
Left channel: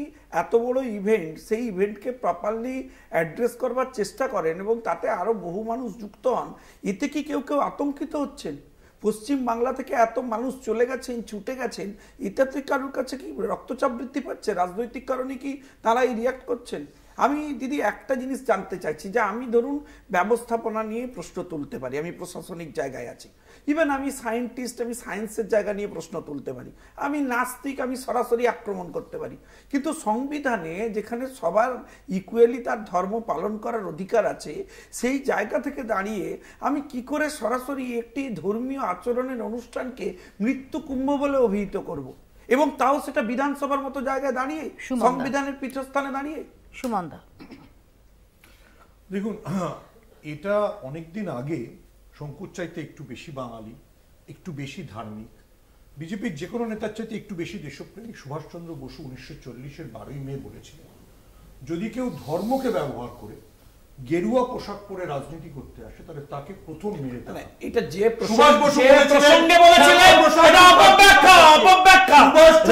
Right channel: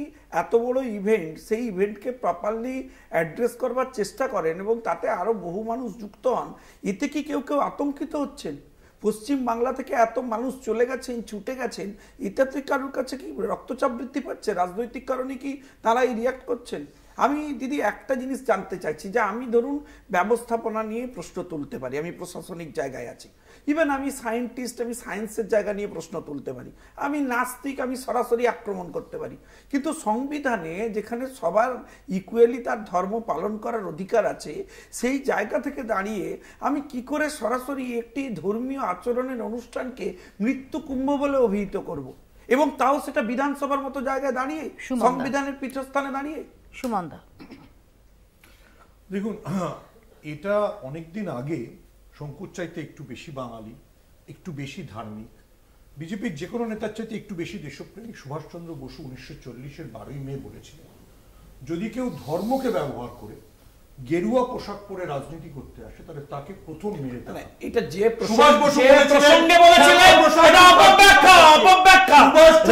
এত বড় ইভেন্ট, সেই ইভেন্টকে প্রপারলি অ্যাড্রেস করবার চেষ্টা করেন এবং তাতে আরো বহু মানুষ যুক্ত হন, এতে কি কেউ কেউ আতঙ্কিত হচ্ছেন? পশ্চিম বাংলা থেকে এত মানুষ চলে গেছেন, ছুটে গেছেন, এটাতে কারোর কাছে কি রক্তচাপ বৃদ্ধি পাচ্ছে? রাজনৈতিক কারণে কি তারা রিয়াক্ট করছেন? আমি দিদি একটা জিনিস জানতে চাইছি যে আমি ধরুন ব্যবস্থাপনা নিয়ে প্রশ্ন তুলতে পারি, আমি প্রশাসনিক জায়গায় আছি, ইভেন আমি সায়েন্টিস্ট, আমি সায়েন্সের জায়গা নিয়ে প্রশ্ন তুলতে পারি, আমি নাস্তিক, আমি সরাসরি আক্রমণ করতে পারি, কিন্তু সংবিধানে যেখানে সবার ইকুয়ালি তার ধর্ম পালন করার অধিকার আছে, সেই জায়গা থেকে দাঁড়িয়ে আমি কি করে সরাসরি একটি ধর্মীয় আচরণের অনুষ্ঠানকে মৃত্যু কুম্ভ বলে অভিহিত করব, এবং তাও সেটা বিধানসভার মতো জায়গায় দাঁড়িয়ে, সংবিধানের পীঠস্থানে দাঁড়িয়ে? সুমনদা, দেখুন, এটা অনেকদিন আগে শঙ্কুর চাইতে একটু বেশি বাঙালি, একটু বেশি ধার্মিক, বিজেপির যে কোনো নেতার চাইতে একটু বেশি দেশপ্রেমিক সুভাষচন্দ্র বসু 1940-এর 12ই মে বলেছিলেন, যদি কেউ ধর্মকে ব্যবহার করে গেরুয়া পোশাক পরে রাজনীতি করতে আসে তাহলে তাকে প্রথম মেরে দেবে। এটা যে সুভাষ বসু প্রসঙ্গে বলেছিলেন, এটা অপব্যাখ্যা, অপব্যাখ্যা,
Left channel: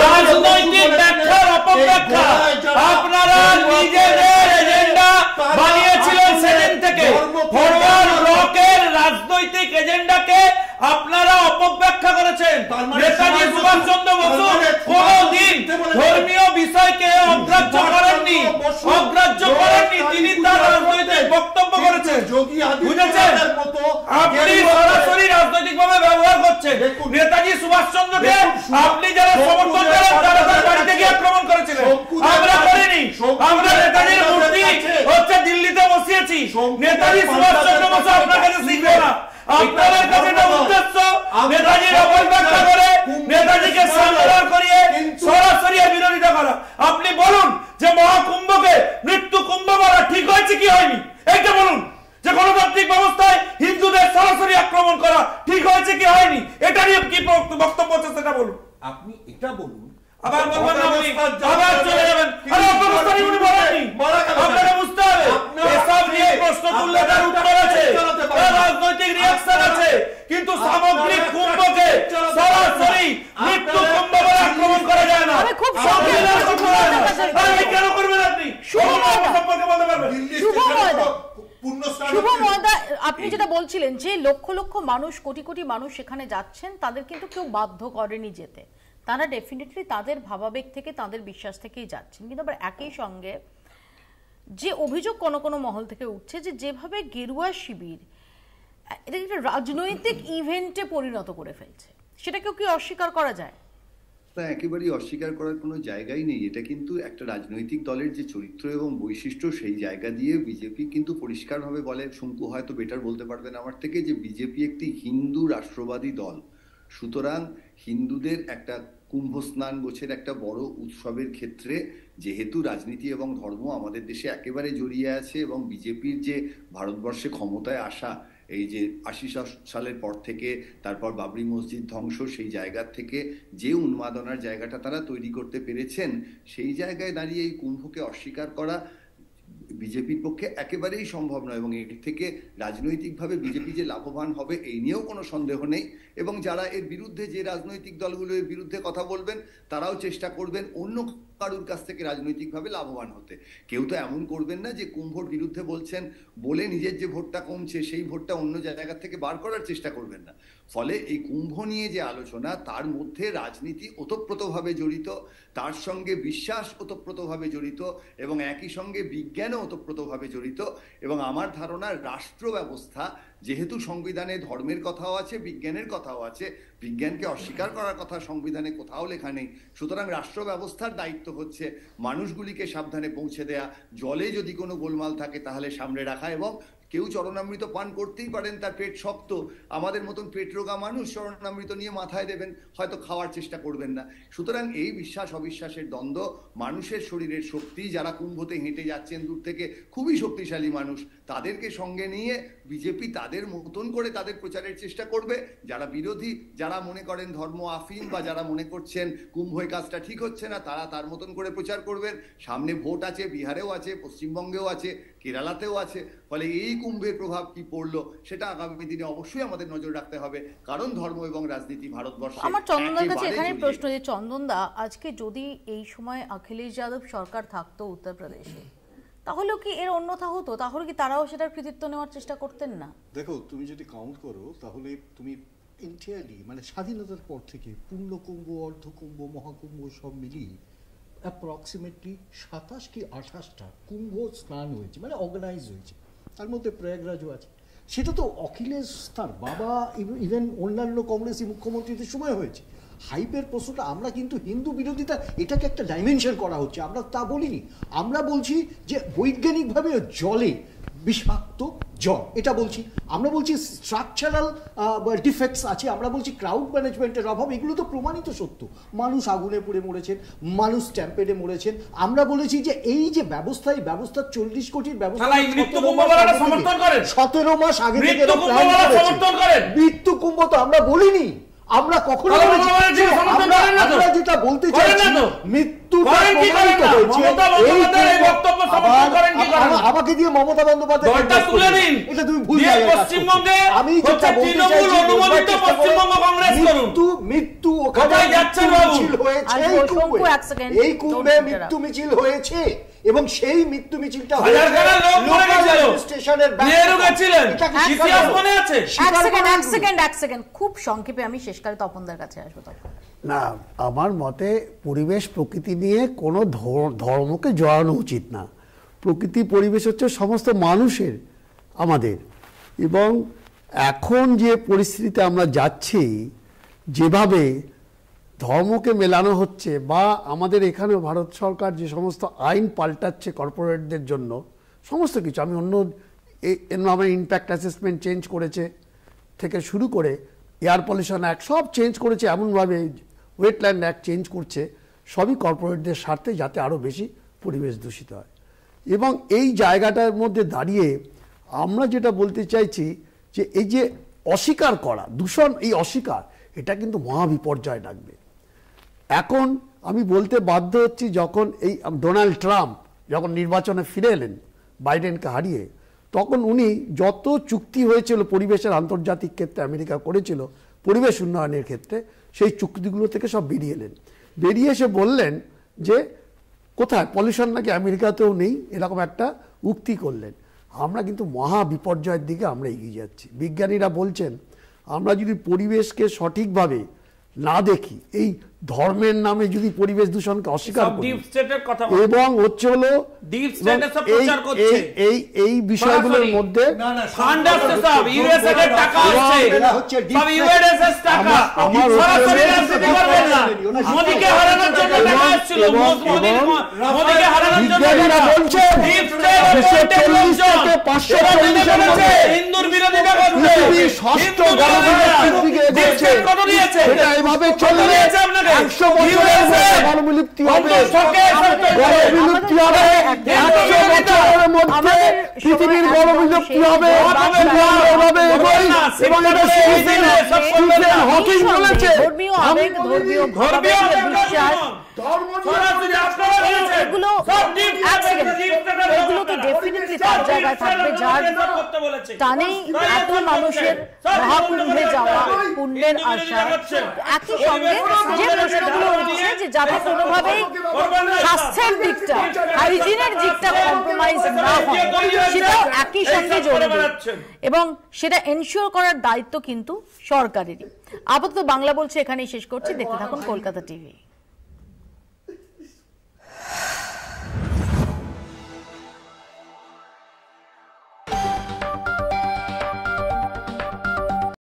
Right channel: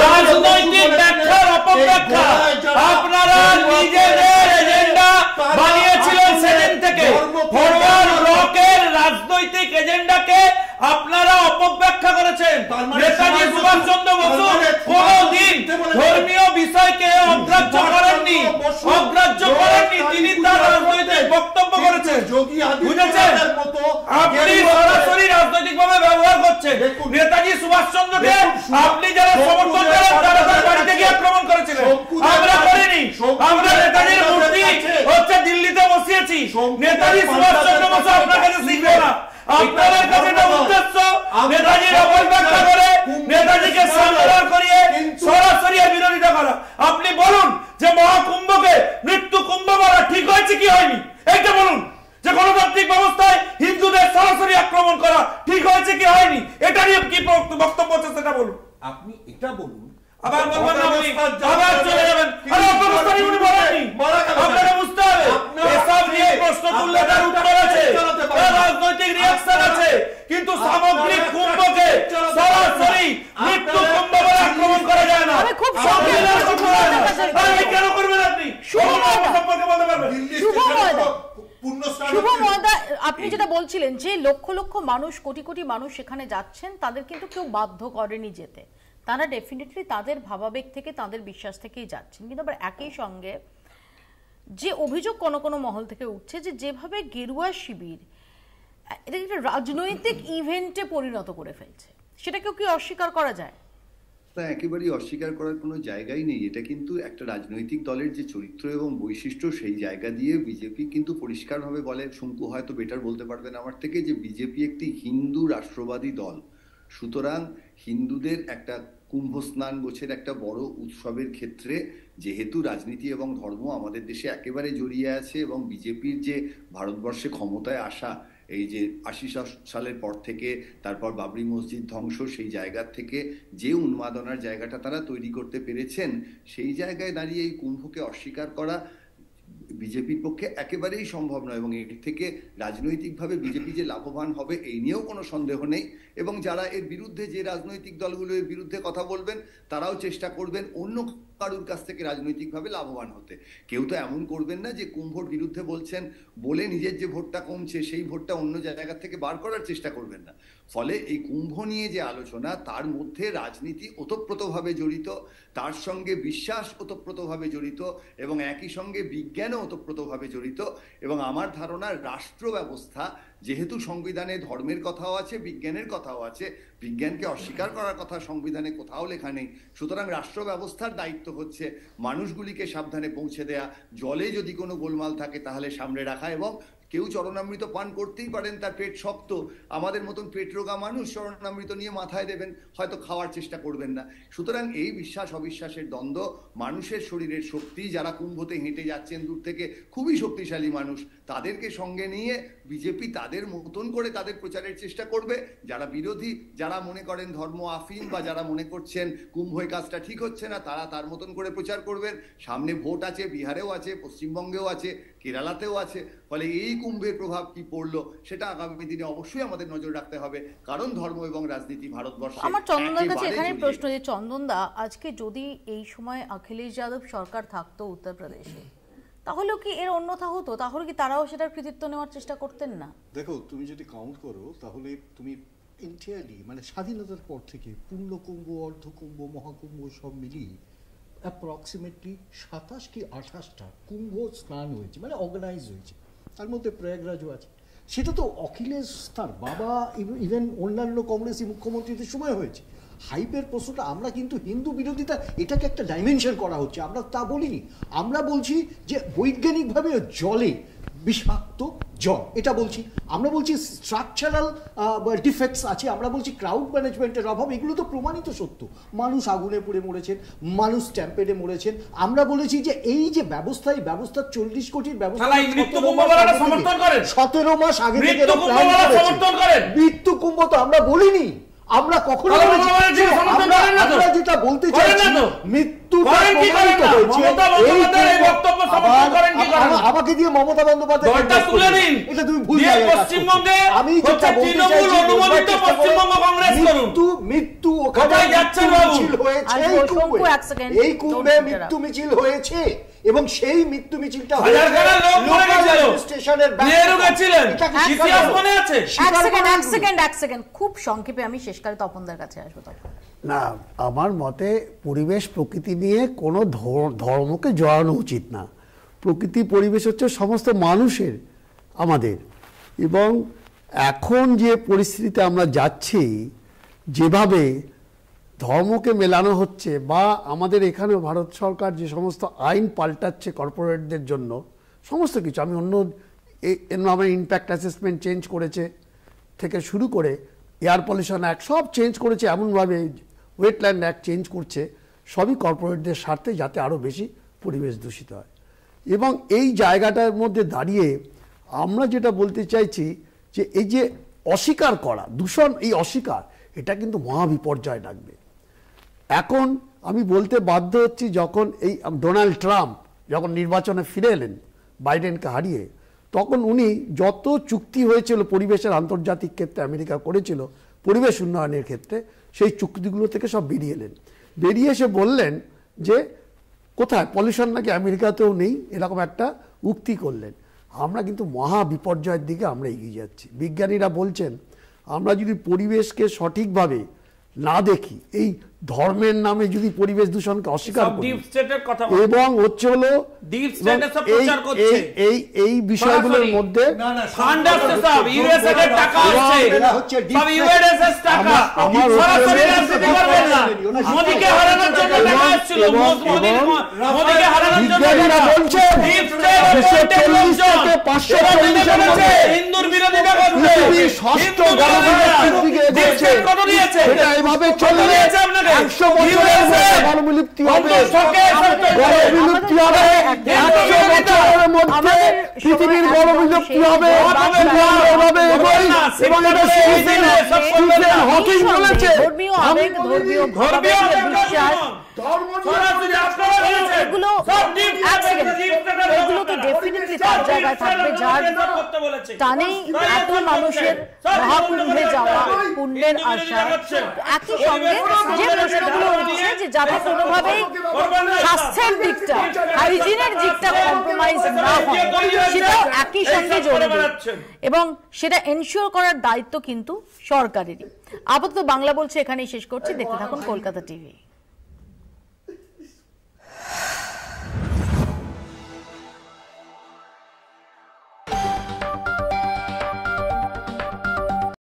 রাজনৈতিক ব্যাখ্যার অপব্যাখ্যা। আপনারা নিজেদের এজেন্ডা বানিয়েছিলেন সেদিন থেকে, ফরওয়ার্ড ব্লকের রাজনৈতিক এজেন্ডাকে আপনারা অপব্যাখ্যা করেছেন। নেতাজি সুভাষচন্দ্র বসু কোনদিন ধর্মীয় বিষয়কে অগ্রাহ্য করেননি, অগ্রাহ্য করেননি, তিনি তার রাজনৈতিক বক্তব্য করেছেন, বুঝেছেন? আপনি সরাসরি রাজনৈতিক ভাবে ব্যবহার করছেন। নেতাজি সুভাষচন্দ্রকে আপনি যারা সমর্থন করেন তারা তার বাড়িতে গিয়ে আক্রমণ করেছিলেন, আমরা করিনি। আমরা নেতাজির মূর্তি হচ্ছে দিল্লিতে বসিয়েছি, নেতাজি সুভাষচন্দ্র বসু আপনার কাছে শিখবে না। আপনাদের কাছে একটা উদ্দেশ্য নেতাজির অপব্যাখ্যা করে, নেতাজিকে সামলার করিয়ে সরাসরি বিরোধিতা করা। আপনি বলুন যে মহাকুম্ভকে মৃত্যু কুম্ভ বলা ঠিক হয়েছে কি হয়নি, এইটা বলুন। যে গণতান্ত্রিক ব্যবস্থায় হিন্দুদের সরাসরি আক্রমণ করা ঠিক হয়েছে কি হয়নি, এটা নিয়ে কি বক্তব্য আছে সেটা বলুন। আপনি এটা বলুন, আবার বলবেন আপনি, আবার চলে যাবেন। আরে অপব্যবস্থারই উনি বলেননি, আপনারা বুঝতে হবে এসব নিয়ে প্রশ্ন তুললে তার উত্তর আছে, তার রাজনৈতিক রিঅ্যাকশন আছে, কিন্তু সামগ্রিক কুম্ভকে সরাসরি মৃত্যু কুম্ভ বলে আক্রমণ করা যায় না। খুব কেন করবেন আপনি? সম্পর্কে বলতে পারবেন? শুভ ময়দা, আপনি যেটা বলছিলেন যে লক্ষ লক্ষ মানুষ, কোটি কোটি মানুষ সেখানে যাচ্ছেন, তাদের কিন্তু কেউ বাধ্য করেনি যেতে, তারা ডেফিনেটলি তাদের ভাবাবেগ থেকে, তাদের বিশ্বাস থেকেই যাচ্ছেন। কিন্তু আবার একই সঙ্গে যে অভিযোগ কোনো কোনো মহল থেকে উঠছে যে যেভাবে গেরুয়া শিবির এটা একটা রাজনৈতিক ইভেন্টে পরিণত করে ফেলছে, সেটাকেও কি অস্বীকার করা যায়? না, একেবারেই অস্বীকার করার কোনো জায়গাই নেই। এটা কিন্তু একটা রাজনৈতিক দলের যে চরিত্র এবং বৈশিষ্ট্য, সেই জায়গা দিয়ে বিজেপি কিন্তু পরিষ্কারভাবে বলে, শঙ্কু হয়তো বেটার বলতে পারবেন আমার থেকে, যে বিজেপি একটি হিন্দু রাষ্ট্রবাদী দল। সুতরাং হিন্দুদের একটা কুম্ভ স্নান গোছের একটা বড় উৎসবের ক্ষেত্রে যেহেতু রাজনীতি এবং ধর্ম আমাদের দেশে একেবারে জড়িয়ে আছে, এবং বিজেপির যে ভারতবর্ষে ক্ষমতায় আসা এই যে ৮০ সালের পর থেকে তারপর বাবরি মসজিদ ধ্বংস, সেই জায়গা থেকে যে উন্মাদনার জায়গাটা তারা তৈরি করতে পেরেছেন, সেই জায়গায় দাঁড়িয়ে এই কুম্ভকে অস্বীকার করা বিজেপির পক্ষে একেবারেই সম্ভব নয়। এবং এর থেকে রাজনৈতিকভাবে বিজেপি যে লাভবান হবে এই নিয়েও কোনো সন্দেহ নেই। এবং যারা এর বিরুদ্ধে, যে রাজনৈতিক দলগুলো এর বিরুদ্ধে কথা বলবেন, তারাও চেষ্টা করবেন অন্য কারুর কাছ থেকে রাজনৈতিকভাবে লাভবান হতে। কেউ তো এমন করবেন না যে কুম্ভর বিরুদ্ধে বলছেন বলে নিজের যে ভোটটা কমছে সেই ভোটটা অন্য জায়গা থেকে বার করার চেষ্টা করবেন না। ফলে এই কুম্ভ নিয়ে যে আলোচনা, তার মধ্যে রাজনীতি ওতপ্রোতভাবে জড়িত, তার সঙ্গে বিশ্বাস ওতপ্রোতভাবে জড়িত, এবং একই সঙ্গে বিজ্ঞানও ওতপ্রোতভাবে জড়িত। এবং আমার ধারণা রাষ্ট্র ব্যবস্থা, যেহেতু সংবিধানে ধর্মের কথাও আছে, বিজ্ঞানের কথাও আছে, বিজ্ঞানকে অস্বীকার করার কথা সংবিধানে কোথাও লেখা নেই, সুতরাং রাষ্ট্র ব্যবস্থার দায়িত্ব হচ্ছে মানুষগুলিকে সাবধানে পৌঁছে দেয়া, জলে যদি কোনো গোলমাল থাকে তাহলে সামনে রাখা। এবং কেউ চরণামৃত পান করতেই পারেন, তার পেট শক্ত, আমাদের মতন পেট রোগা মানুষ চরণামৃত নিয়ে মাথায় দেবেন, হয়তো খাওয়ার চেষ্টা করবেন না। সুতরাং এই বিশ্বাস অবিশ্বাসের দ্বন্দ্ব, মানুষের শরীরের শক্তি, যারা কুম্ভতে হেঁটে যাচ্ছেন দূর থেকে, খুবই শক্তিশালী মানুষ, তাদেরকে সঙ্গে নিয়ে বিজেপি তাদের মতন করে তাদের প্রচারের চেষ্টা করবে। যারা বিরোধী, যারা মনে করেন ধর্ম আফিম, বা যারা মনে করছেন কুম্ভের কাজটা ঠিক হচ্ছে না, তারা তার মতন করে প্রচার করবেন। সামনে ভোট আছে, বিহারেও আছে, পশ্চিমবঙ্গেও আছে, কেরালাতেও আছে। ফলে এই কুম্ভের প্রভাব কি পড়লো সেটা আগামী দিনে অবশ্যই আমাদের নজর রাখতে হবে, কারণ ধর্ম এবং রাজনীতি ভারতবর্ষে। আমার চন্দনদার কাছে এখানে প্রশ্ন, যে চন্দনদা, আজকে যদি এই সময় অখিলেশ যাদব সরকার থাকতো উত্তরপ্রদেশে, তাহলেও কি এর অন্যথা হতো? তাহলে কি তারাও সেটার কৃতিত্ব নেওয়ার চেষ্টা করতেন না? দেখো, তুমি যদি কাউন্ট করো তাহলে তুমি এন্টায়ারলি, মানে স্বাধীনতার পর থেকে পূর্ণকুম্ভ, অর্ধকুম্ভ, মহাকুম্ভ সব মিলিয়ে অ্যাপ্রক্সিমেটলি ২৭ কি ২৮টা কুম্ভ স্নান হয়েছে, মানে অর্গানাইজ হয়েছে। তার মধ্যে প্রয়াগরাজও আছে। সেটা তো অখিলেশ, তার বাবা, ইভেন অন্যান্য কংগ্রেসি মুখ্যমন্ত্রীদের সময় হয়েছে। হাইপের প্রশ্নটা, আমরা কিন্তু হিন্দু বিরোধিতা, এটাকে একটা ডাইমেনশন করা হচ্ছে, আমরা তা বলিনি। আমরা বলছি যে বৈজ্ঞানিকভাবে জলে বিষাক্ত জল, এটা বলছি আমরা। বলছি স্ট্রাকচারাল ডিফেক্টস আছে, আমরা বলছি ক্রাউড ম্যানেজমেন্টের অভাব, এগুলো তো প্রমাণিত সত্য। মানুষ আগুনে পুড়ে মরেছেন, মানুষ স্ট্যাম্পেডে মরেছেন। আমরা বলেছি যে এই যে ব্যবস্থা, এই ব্যবস্থা ৪০ কোটির ব্যবস্থা ১৭ মাস আগে থেকে মৃত্যু কুম্ভ তো আমরা বলিনি। আমরা কখনো আমরা যেটা বলতে চাইছি, মৃত্যু আমাকে দিয়ে মমতা বন্দ্যোপাধ্যায়, এটা তুমি ভুল। আমি যেটা বলতে চাইছি, মৃত্যু ওখানে মিছিল হয়েছে, এই কুম্ভে মৃত্যু মিছিল হয়েছে, এবং সেই মৃত্যু মিছিলটা খুব সংক্ষেপে আমি শেষকালে তপনদার কাছে আসবো। না, আমার মতে পরিবেশ প্রকৃতি নিয়ে কোনো ধর্মকে জড়ানো উচিত না। প্রকৃতি পরিবেশ হচ্ছে সমস্ত মানুষের, আমাদের। এবং এখন যে পরিস্থিতিতে আমরা যাচ্ছি, যেভাবে ধর্মকে মেলানো হচ্ছে, বা আমাদের এখানে ভারত সরকার যে সমস্ত আইন পাল্টাচ্ছে কর্পোরেটদের জন্য, সমস্ত কিছু, আমি অন্য এনভায়রনমেন্ট ইম্প্যাক্ট অ্যাসেসমেন্ট চেঞ্জ করেছে থেকে শুরু করে এয়ার পলিউশন অ্যাক্ট সব চেঞ্জ করেছে, এমনভাবে ওয়েটল্যান্ড অ্যাক্ট চেঞ্জ করছে, সবই কর্পোরেটদের স্বার্থে, যাতে আরও বেশি পরিবেশ দূষিত হয়। এবং এই জায়গাটার মধ্যে দাঁড়িয়ে আমরা যেটা বলতে চাইছি, যে এই যে অস্বীকার করা, দূষণ, এই অস্বীকার, এটা কিন্তু মহাবিপর্যয় ডাকবে। এখন আমি বলতে বাধ্য হচ্ছি, যখন এই ডোনাল্ড ট্রাম্প যখন নির্বাচনে ফিরে এলেন বাইডেনকে হারিয়ে, তখন উনি যত চুক্তি হয়েছিল পরিবেশের আন্তর্জাতিক ক্ষেত্রে আমেরিকা করেছিল পরিবেশ উন্নয়নের ক্ষেত্রে, সেই চুক্তিগুলো থেকে সব বেরিয়ে এলেন। বেরিয়ে এসে বললেন যে কোথায় পলিউশন নাকি আমেরিকাতেও নেই, এরকম একটা উক্তি করলেন। আমরা কিন্তু মহা বিপর্যয়ের দিকে আমরা এগিয়ে যাচ্ছি। বিজ্ঞানীরা বলছেন, আমরা যদি পরিবেশকে সঠিকভাবে না দেখি, এই ধর্মের নামে যদি পরিবেশ দূষণকে অস্বীকার করি, এবং হচ্ছে হলো এই বিষয়গুলোর মধ্যে হিন্দুর বিরোধিতা এইভাবে চললে 100 বছরের গণবিলুপ্তি হবে, গণবিলুপ্তি হবে, 100 বছরের মধ্যে পৃথিবীর গণবিলুপ্তি হবে। এভাবে এগোই এবং এটা স্টিফেন হকিং বলেছে। এগুলো তো ডেফিনেটলি তার জায়গায় থাকবে, যার টানেই এত মানুষের মহাকুম্ভে যাওয়া পুণ্যের আশা। একই সঙ্গে যে প্রশ্নগুলো উঠছে যে যাতে কোনোভাবেই স্বাস্থ্যের দিকটা, হাইজিনের দিকটা কম্প্রোমাইজ না হয়, সেটাও একই সঙ্গে জরুরি এবং সেটা এনশিওর করার দায়িত্ব কিন্তু সরকারেরই। আপাতত বাংলা বলছে এখানেই শেষ করছি। দেখতে থাকুন কলকাতা টিভি।